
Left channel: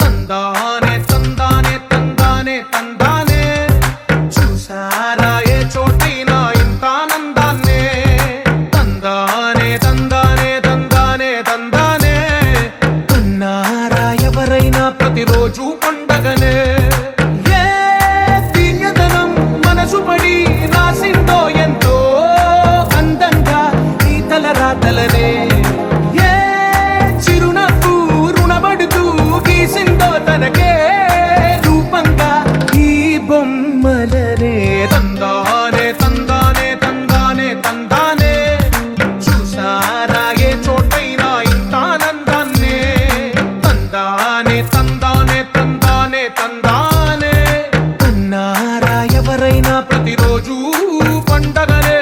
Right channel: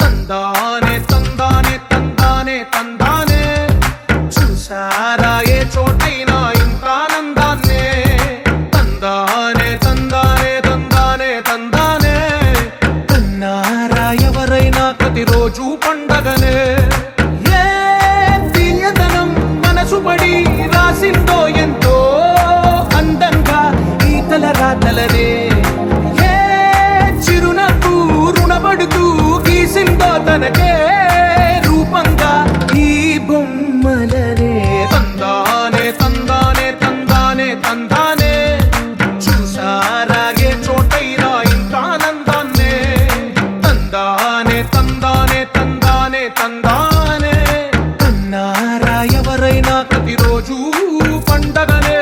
తందానే తందానే తందానే తందానే, చూసారా ఏ చోటైనా ఇంత ఆనందాన్నే. తందానే తందానే తందానే తందానే, కన్నారా ఎవరైనా ప్రతిరోజు పండగనే. ఏ తీయదనం మనసు పడి రాసిందో ఎంతో అందంగా ఈ తల రాతలనే. ఏ చిరునవ్వు రుణపడుతూ గీసిందో తనకే రూపంగా ఈ బొమ్మలనే. తందానే తందానే తందానే తందానే, చూసారా ఏ చోటైనా ఇంత ఆనందాన్నే. తందానే తందానే తందానే తందానే, కన్నారా ఎవరైనా ప్రతిరోజు పండగనే.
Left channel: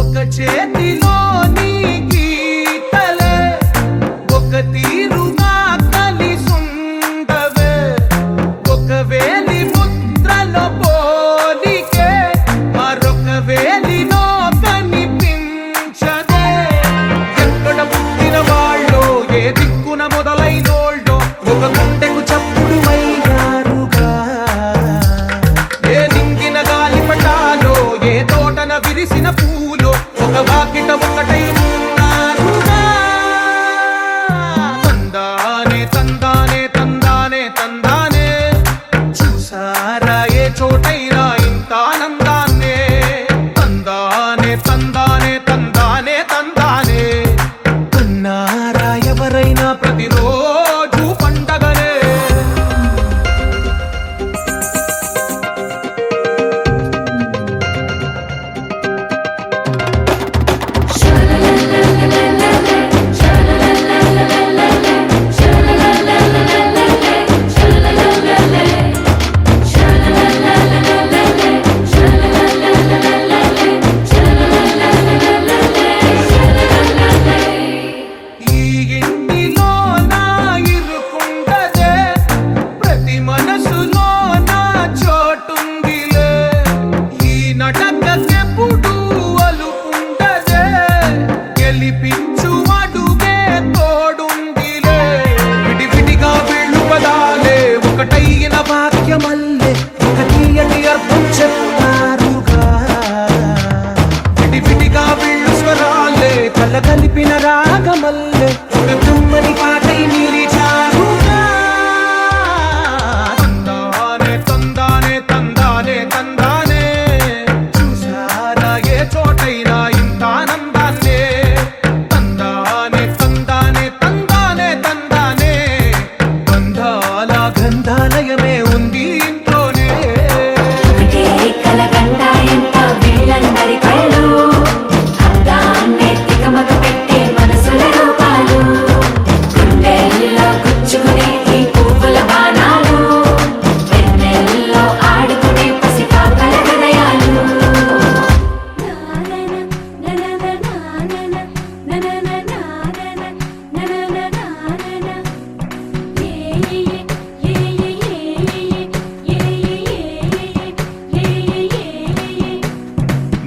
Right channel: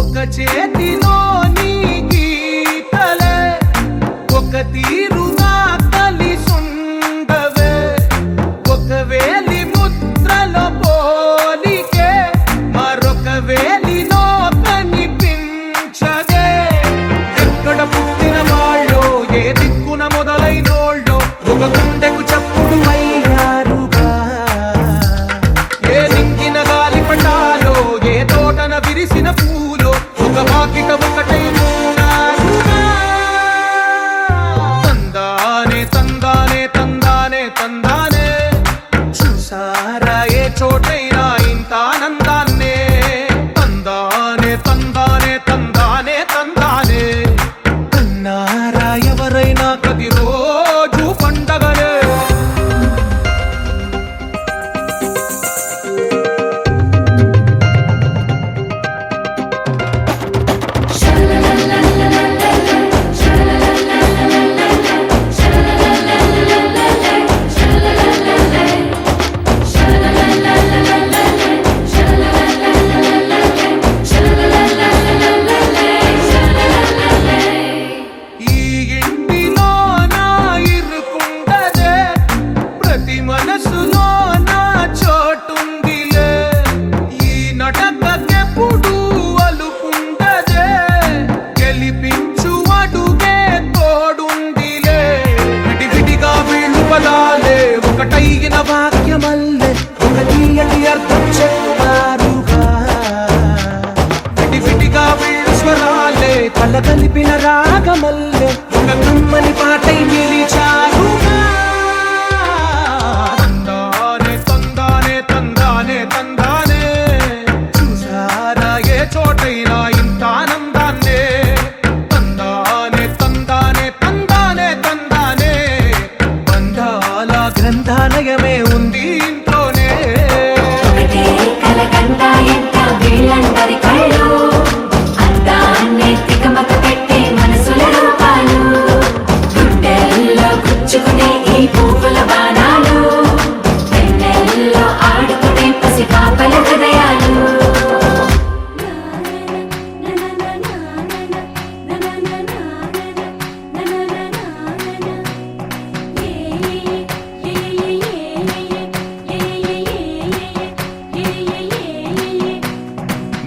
ఒక చేతిలో నీ గీతలే ఒక తీరుగా కలిసుండవే. ఒక వేలి ముద్రలో పోలికే మరొక వేలిలో కనిపించదే. ఎక్కడ పుట్టిన వాళ్ళో ఏ దిక్కున మొదలైనోళ్ళో ఒక గుండెకు చప్పుడు అయ్యారుగా. ఏ దింగిన గాలి పటాలో ఏ తోటన విరిసిన పూలో ఒక వాకిట ఒకటై ఉన్నారుగా. తందానే తందానే తందానే తందానే, చూసారా ఏ చోటైనా ఇంత ఆనందాన్నే. తందానే తందానే తందానే తందానే, కన్నారా ఎవరైనా ప్రతిరోజు పండగనే. ఈ ఇంటిలో నా ఇరుకుండదే, ప్రతి మనసులో నా చోటుందిలే. ఈ నటకెప్పుడు అలుకుండదే, గెలిపించు అడుగే తోడుందిలే. విడివిడిగా వీళ్ళు పదాలే ఒకటైన వాక్యమల్లే ఒక తీయటి అర్థం చెప్పారుగా విడివిడిగా వీళ్ళు స్వరాలే కల కలిపిన రాగమల్లే ఒక కమ్మని పాటై నిలిచారుగా తందానే తందానే తందానే తందానే చూసారా ఏ చోటైనా ఇంత ఆనందాన్నే తందానే తందానే తందానే తందానే బంధాల గ్రంథాలయమే ఉంది ఇంట్లోనే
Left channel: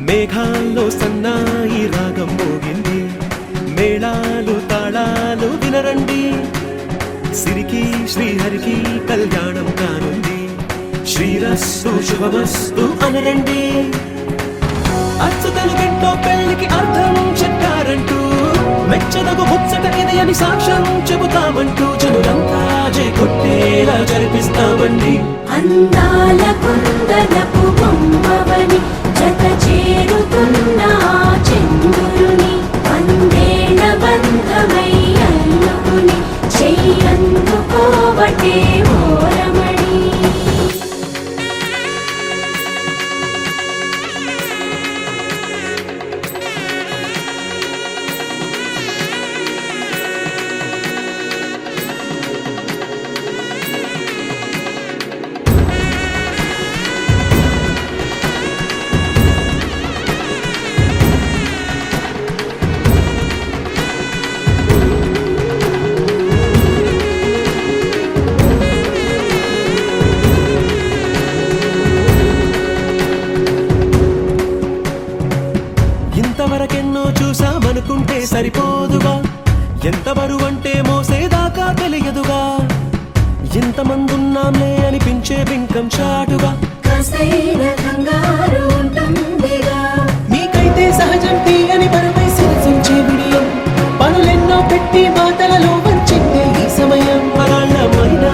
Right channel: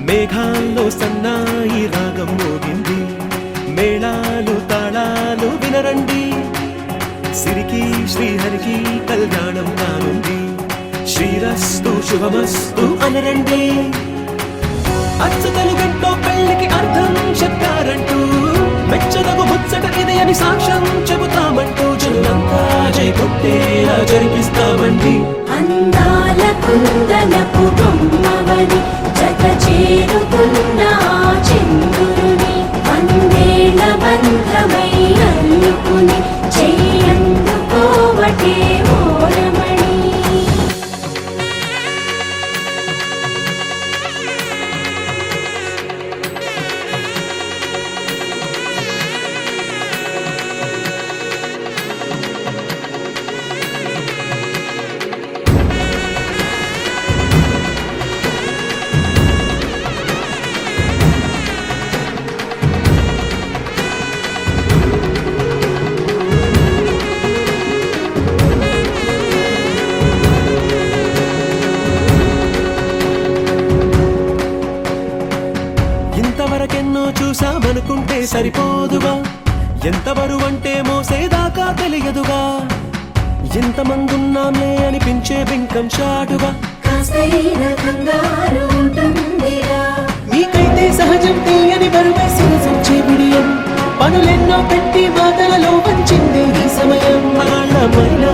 మేఘాల్లో సన్నాయి రాగం మోగింది మేళాలు తాళాలు వినరండి సిరికి శ్రీహరికి కళ్యాణం కానుంది శ్రీరస్తు శుభమస్తు అనరండి అచ్చతలు గంటో పెళ్లికి అర్థం చెప్పారంటూ మెచ్చదగు ముచ్చట ఇది అని సాక్ష్యం చెబుతామంటూ జనులంతా జై కొట్టేలా జరిపిస్తామండి అందాల కుందనపు బొమ్మవని జత చేరుతున్న చంద్రుని వందేళ్ల బంధమై అల్లుకుని చెయ్యందుకోవటే ఓరమణి ఇంతవరకెన్నో చూసామనుకుంటే సరిపోదుగా ఎంత బరువంటే మోసేదాకా తెలియదుగా ఇంతమందున్నాంలే అనిపించే బింకం చాటుగా కాస్తైన కంగారు ఉంటుందిగా మీకైతే సహజం తీయని బరువై సిరిసించే బిడియం పనులెన్నో పెట్టి మాటలలో వంచిందే ఈ సమయం వాళ్ళమైనా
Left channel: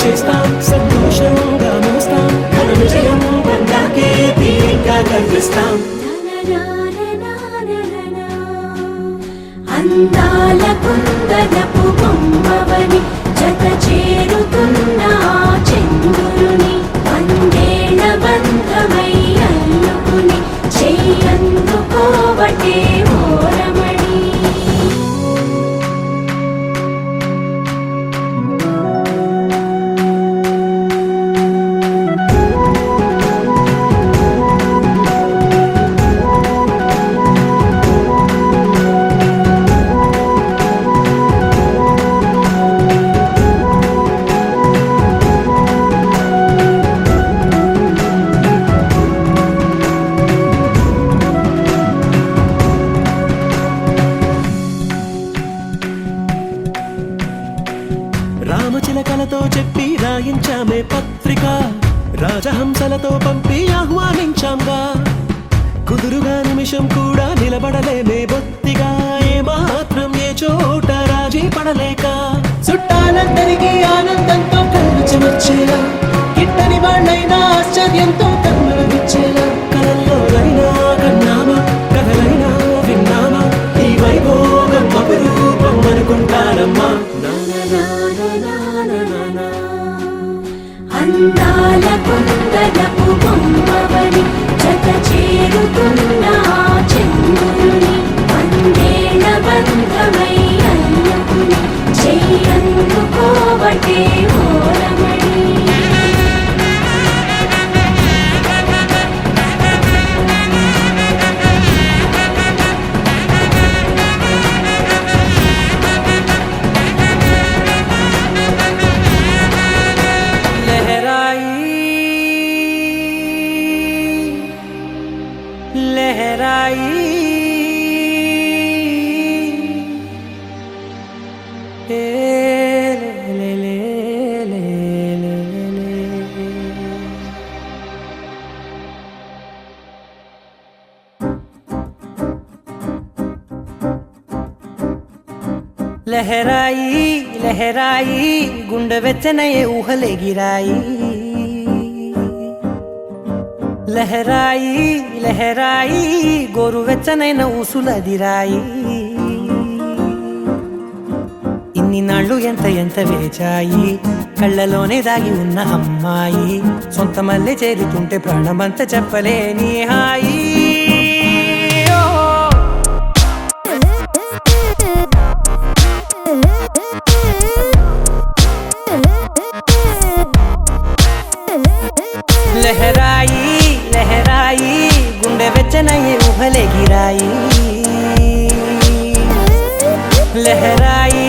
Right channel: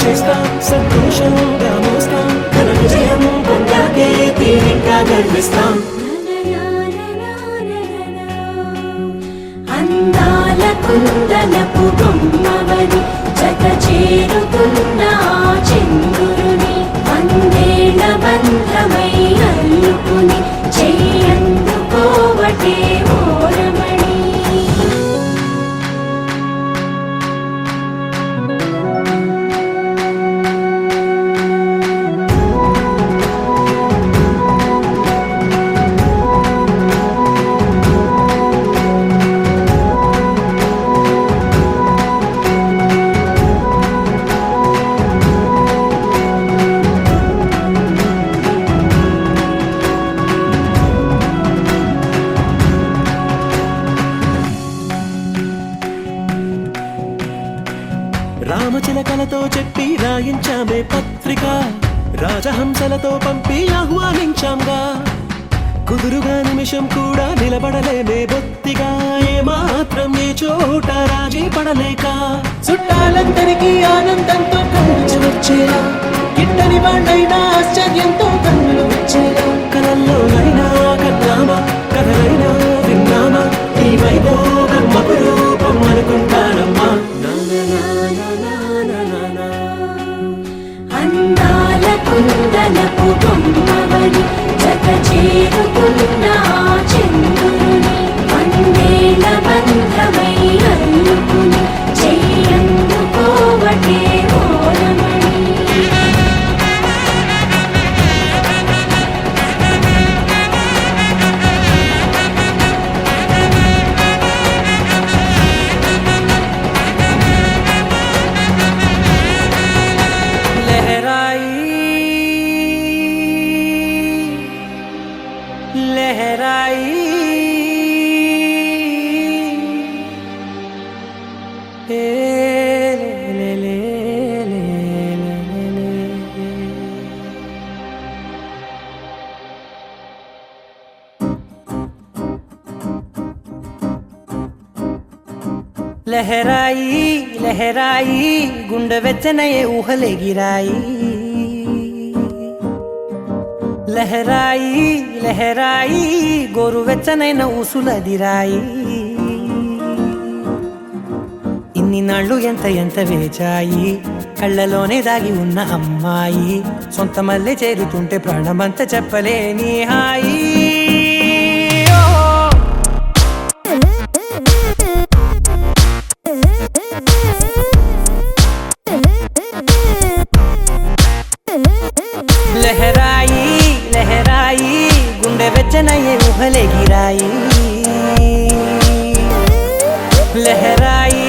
చేస్తాం సంతోషంగా మోస్తాం ఘన విజయం పొందాకే తీరిగ్గా కనిపిస్తాం అందాల కుందనపు బొమ్మవని జత చేరుతున్న చంద్రుని వందేళ్ల బంధమై అల్లుకుని చెయ్యందుకోవటే ఓరమణి రామచిలకలతో చెప్పి రాయించామే పత్రిక రాజహంసలతో పంపి ఆహ్వానించాంగా కుదురుగా నిమిషం కూడా నిలబడలేమే బొత్తిగా ఏమాత్రం ఏ చోట రాజీ పడలేక చుట్టాలందరికీ ఆనందంతో కళ్ళు చెమర్చేలా గిట్టని వాళ్ళైనా ఆశ్చర్యంతో కన్నులు వచ్చేలా కలల్లోనైనా కన్నామా కథలైనా విన్నామా ఈ వైభోగం అపురూపం అనుకుంటానమ్మా అందాల కుందనపు బొమ్మవని జత చేరుతున్న చంద్రుని వందేళ్ల బంధమై అల్లుకుని చెయ్యందుకోవటే ఓరమణి लहराई ले ले ले ले ले లహరాయి లహరాయి గుండె వెచ్చనయే ఊహలెగిరాయి లహరాయి లహరాయి గోరు వెచ్చనైన ఊసులదిరాయి ఇన్ని నాళ్ళు ఎంత వేచాయి కళ్ళలోనే దాగి ఉన్న అమ్మాయి సొంత మల్లె చేరుతుంటే ప్రాణమంతా చెప్పలేని హాయి లహరాయి లహరాయి గుండె వెచ్చనయ్యే ఊహలెగిరాయి లహరాయి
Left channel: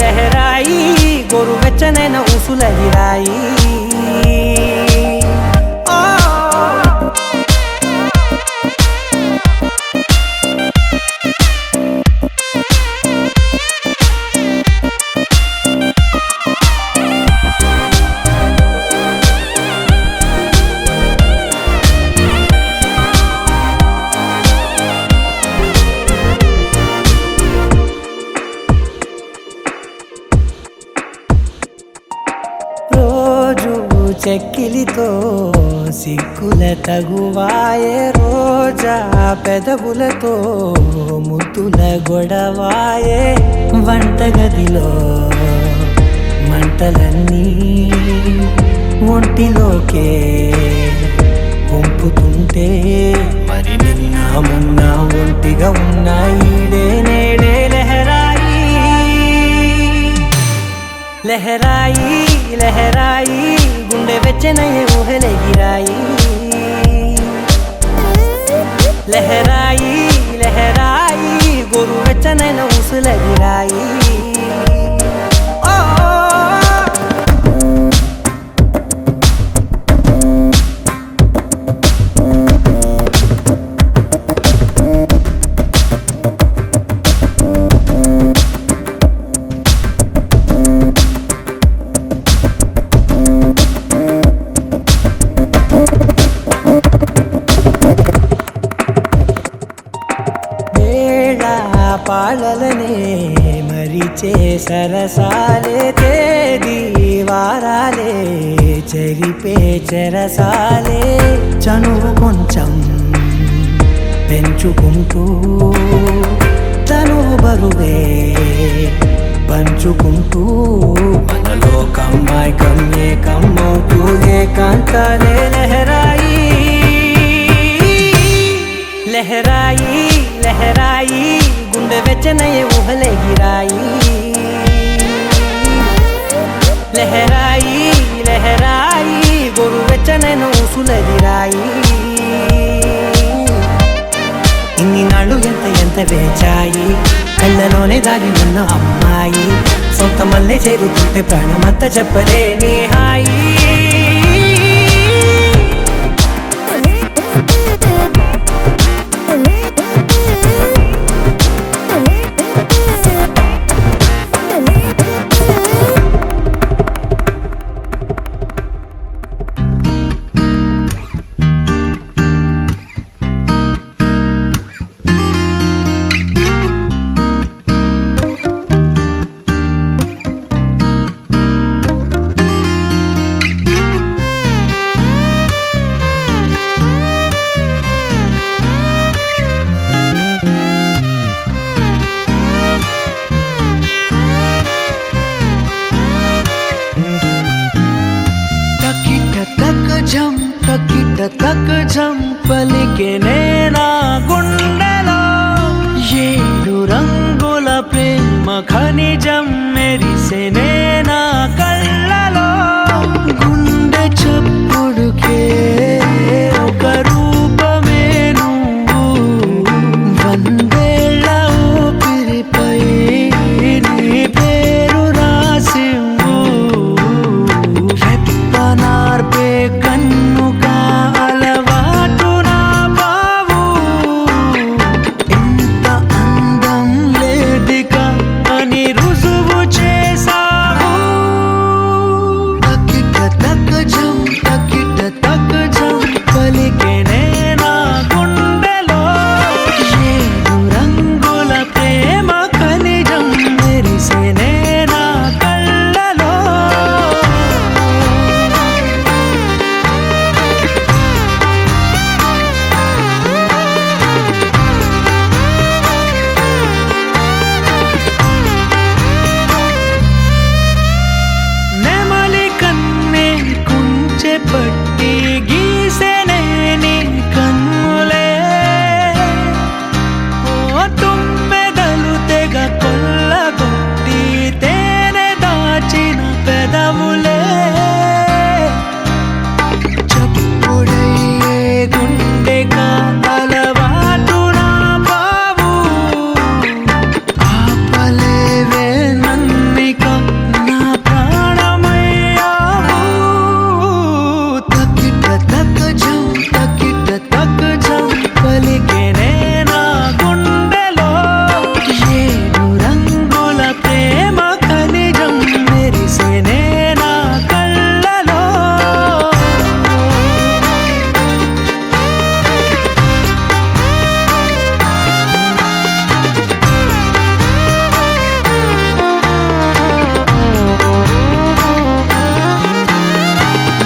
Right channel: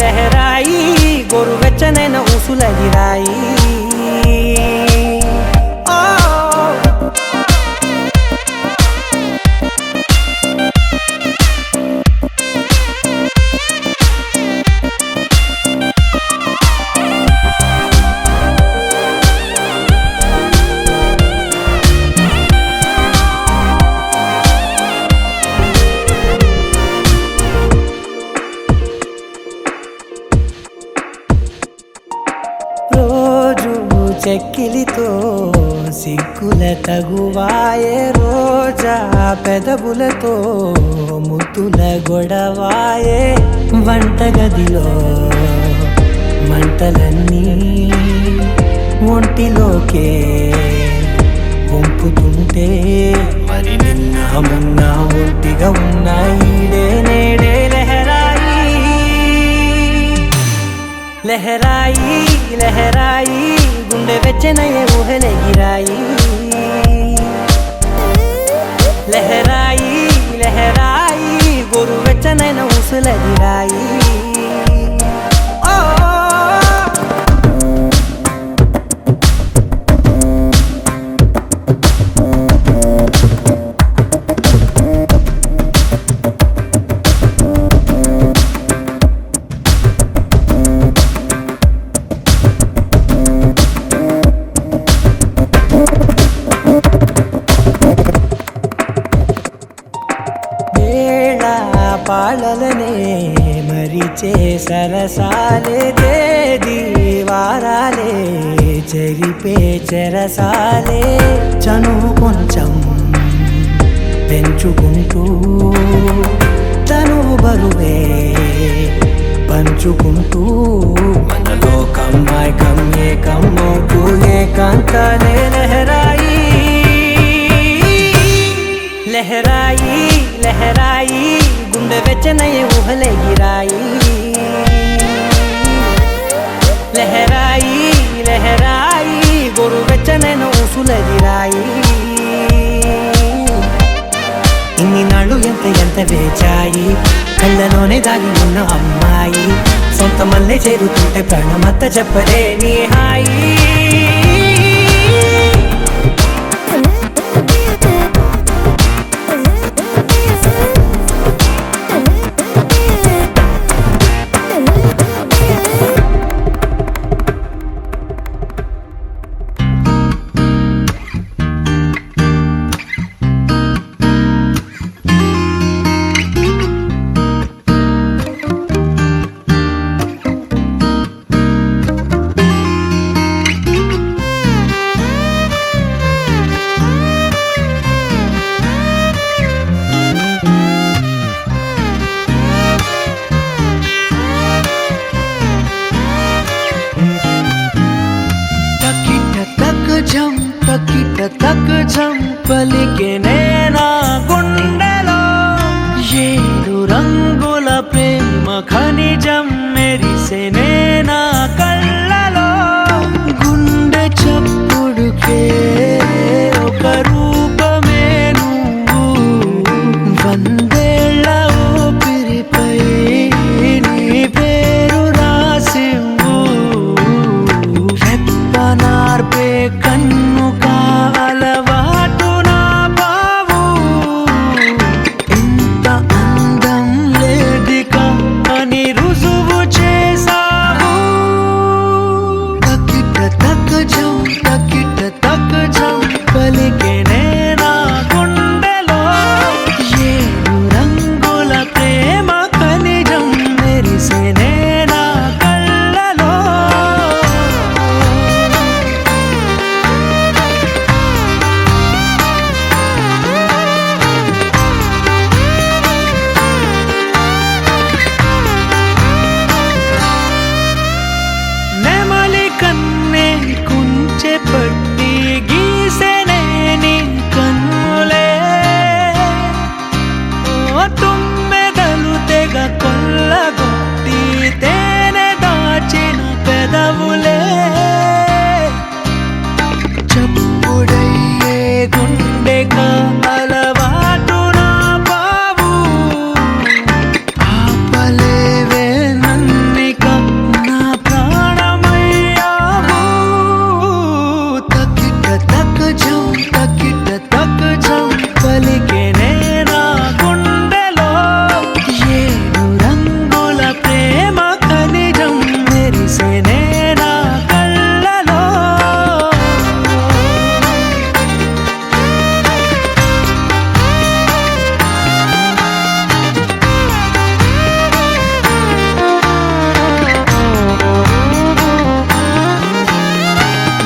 లహరాయి గోరు వెచ్చనైన ఊసులదిరాయి చెక్కిలితో సిగ్గుల తగువాయే రోజా పెదవులతో ముద్దుల గొడవాయే వంటగదిలో మంటలన్నీ ఒంటిలోకే వంపుతుంటే మరి నిన్న మొన్న ఒంటిగా ఉన్న ఈడే నేడే లహరాయి లహరాయి లహరాయి గుండె వెచ్చనయ్యే ఊహలెగిరాయి లహరాయి లహరాయి గోరు వెచ్చనైన ఊసులదిరాయి పాలలనే మరిచే సరసాలే తేదీ వారాలే చెరిపే చెరసాలే చనువు కొంచెం పెంచుకుంటూ తనువు బరువే పంచుకుంటూ మనలో కమ్మాయికం ఏకమవుతూ ఏకాంతాలే లహరాయి లహరాయి లహరాయి గుండె వెచ్చనయ్యే ఊహలెగిరాయి లహరాయి లహరాయి గోరు వెచ్చనైన ఊసులదిరాయి ఇన్ని నాళ్ళు ఎంత వేచాయి కళ్ళలోనే దాగి ఉన్న అమ్మాయి సొంత మల్లె చేరుతుంటే ప్రాణమంతా చెప్పలేని హాయి తకిట తక్ జం పలికే నేనా గుండెలో ఏడు రంగుల ప్రేమ ఖనిజం మెరిసే నేనా కళ్ళలో గుండె చప్పుడుకే ఒక రూపమే నువ్వు వందేళ్ల ఊపిరిపై నీ పేరు రాసివ్వు రెప్పనార్పే కన్ను కాలవాటు నా బావు ఇంత అందం లేదిక అని రుజువు చేసావు తకిట తక్ జం పలికే నేనా గుండెలో ఏడు రంగుల ప్రేమ ఖనిజం మెరిసే పట్టి గీసెనే నీ కన్నులే ఓ తుమ్మెదలు తెగ కొల్లగొట్టి తేనె దాచిన పెదవులే చప్పుడయ్యే గుండె అలవాటు నా బావు ఆపలేవే నన్నిక నా ప్రాణమయ్యావు తకిట తక జం పలికెనే నా గుండెలో ఏడు రంగుల ప్రేమ ఖనిజం మెరిసెనే నా కళ్ళలో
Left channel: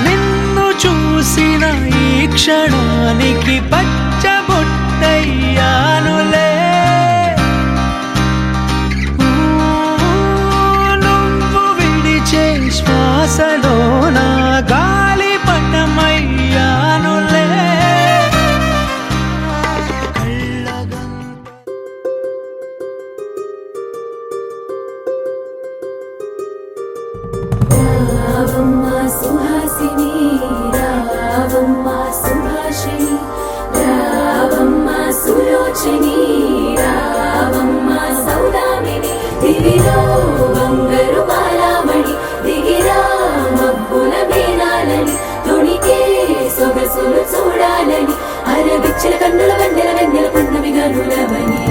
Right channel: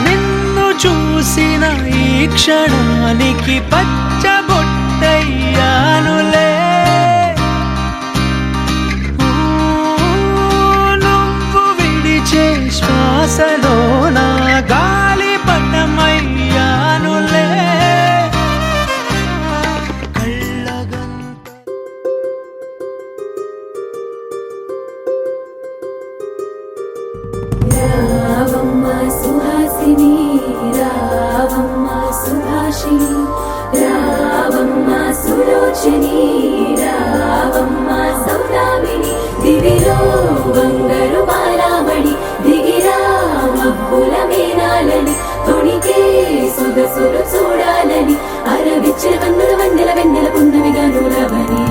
నిన్ను చూసిన ఈ క్షణానికి పచ్చబొట్టయ్యానులే నువ్వు విడిచే శ్వాసలో నా గాలిపటమయ్యానులే కళ్ళగంత రావమ్మ సుహాసిని రావమ్మ సుభాషిణి రావమ్మ సులోచని రావమ్మ సౌదామిని దివిలో బంగారు బాలామణి దిగిరా మబ్బుల మేనాలని తొణికే సొగసులు చూడాలని అరవిచ్చిన కన్నుల వెన్నెల వెన్నెల పున్నమిగా నులవని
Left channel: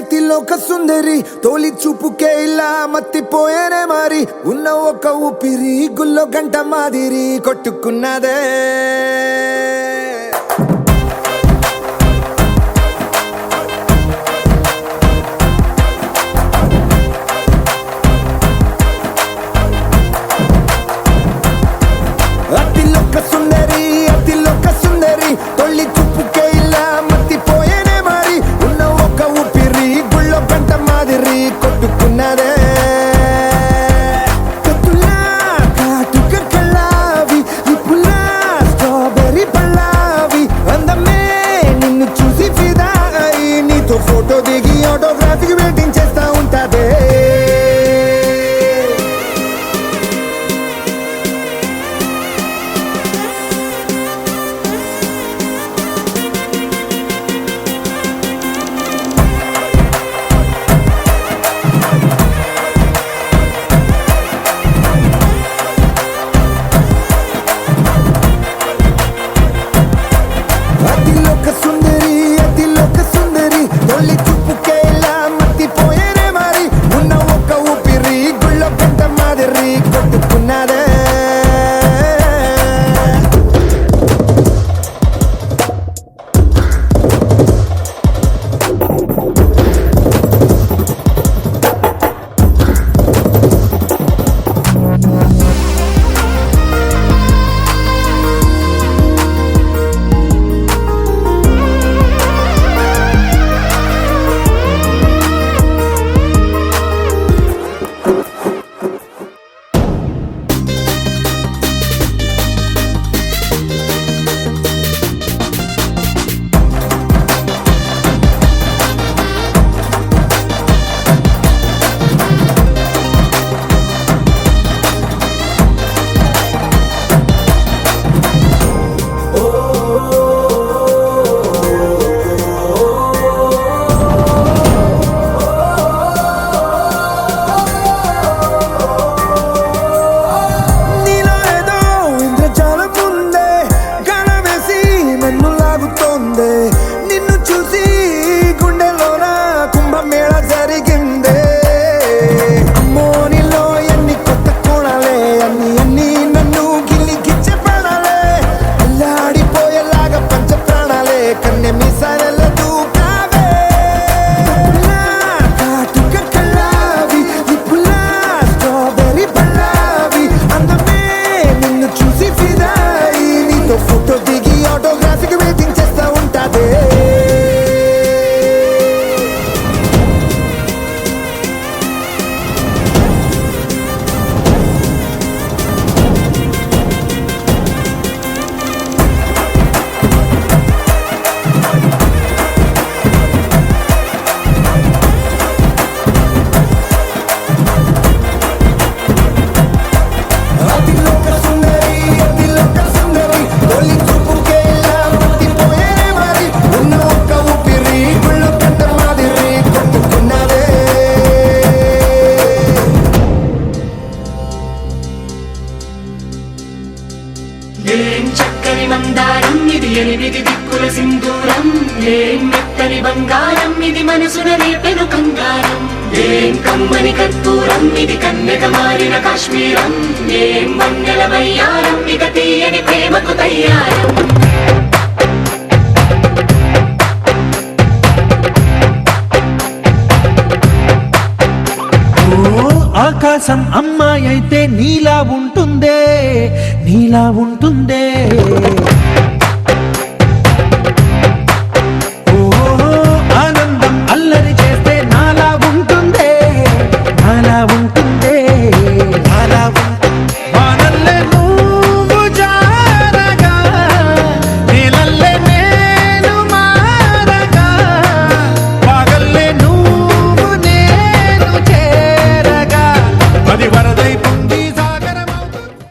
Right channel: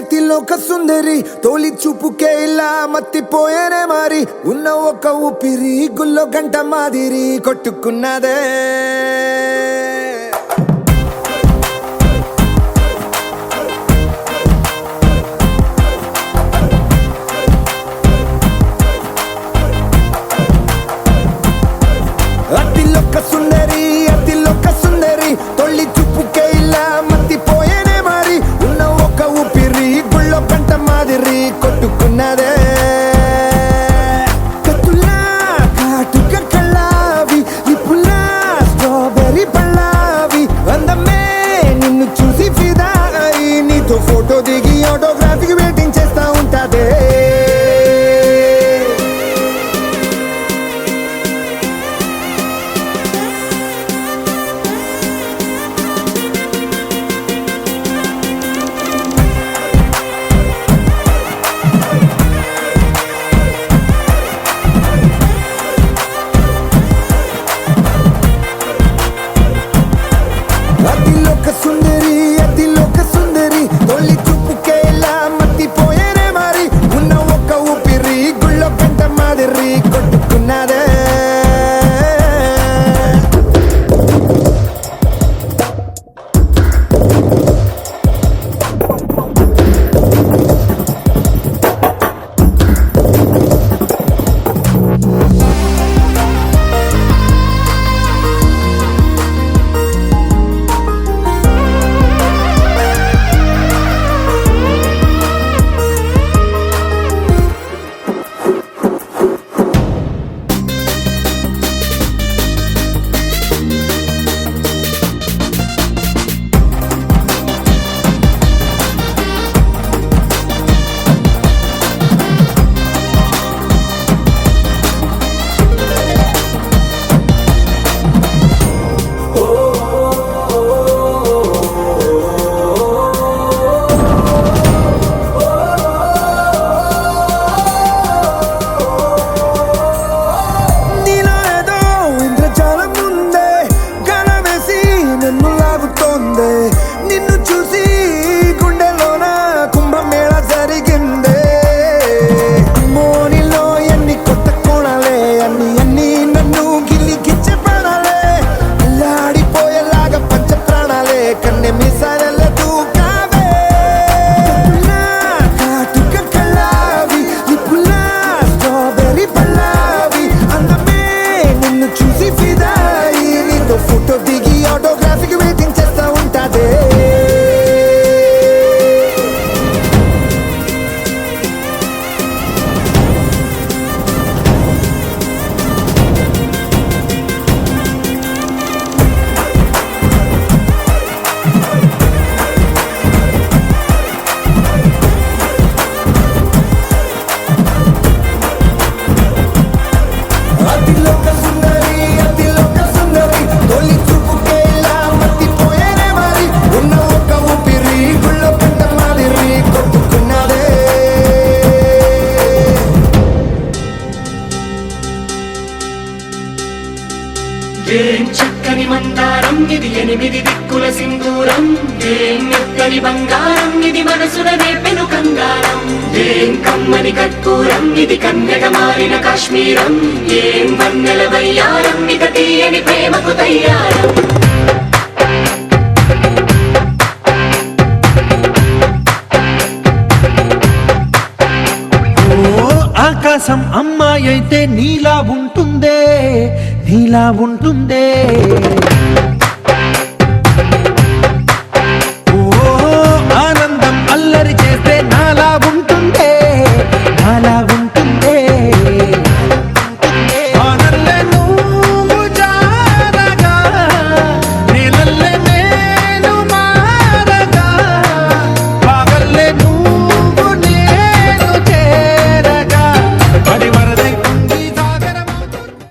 అతిలోక సుందరి తోలి చూపుకే ఇలా మత్తిపోయేనే మారి ఉన్న ఒక ఊపిరి గుల్లో గంట మాదిరి కొట్టుకున్నదే అతిలోక సుందరి తొలి చూపుకే ఇలా మత్తిపోయేనే మారి ఉన్న ఒక ఊపిరి గుళ్ళో గంట మాదిరి కొట్టుకున్నదే కత్తులా కాటుక కళ్ళావి ఇప్పులా స్ట్రాబెర్రీ పళ్ళావి అందమే నిన్ను చూసి ఫిదా అయి నీతో ఫోటో దిగి ఆటోగ్రాఫీకి వెయిటింగ్ చేస్తా ఉంటాదే అతిలోక సుందరి తొలి చూపుకే ఇలా మత్తిపోయేనే మారి ఉన్న ఒక ఊపిరి గుళ్ళో గంట మాదిరి కొట్టుకున్నదే నిన్ను చూసి గుండెలోన కుంభమేళ జరిగిందే అమ్మో నీలో ఎన్ని కొత్త కోణాలే అన్ని నన్ను గిల్లి గిచ్చే ప్రాణాలే అల్లాడిపోయేలాగా పంచ ప్రాణాలే కన్నె మీసాల దూకావే కాటుక కళ్ళావి ఇప్పులా స్ట్రాబెర్రీ పళ్ళావి అందమే నిన్ను చూసి ఫిదాయి నీతో ఫోటో దిగి ఆటోగ్రాఫీకి వెయిటింగ్ చేస్తా ఉంటాదే తెల్లని మందారం ఇది ఎనిమిది దిక్కుల సింధూరం ఏం మెత్తని బంగారం ఇది మనసున నేపెను కంగారం ఏం కమ్మని కర్పూరం ఇది కన్యక మారిన కాశ్మీరం ఏం వన్నెల వయ్యారం ఇక తీయని ప్రేమకు తయ్యారం ఆకాశం అమ్మాయి అయితే నీలా ఉంటుందే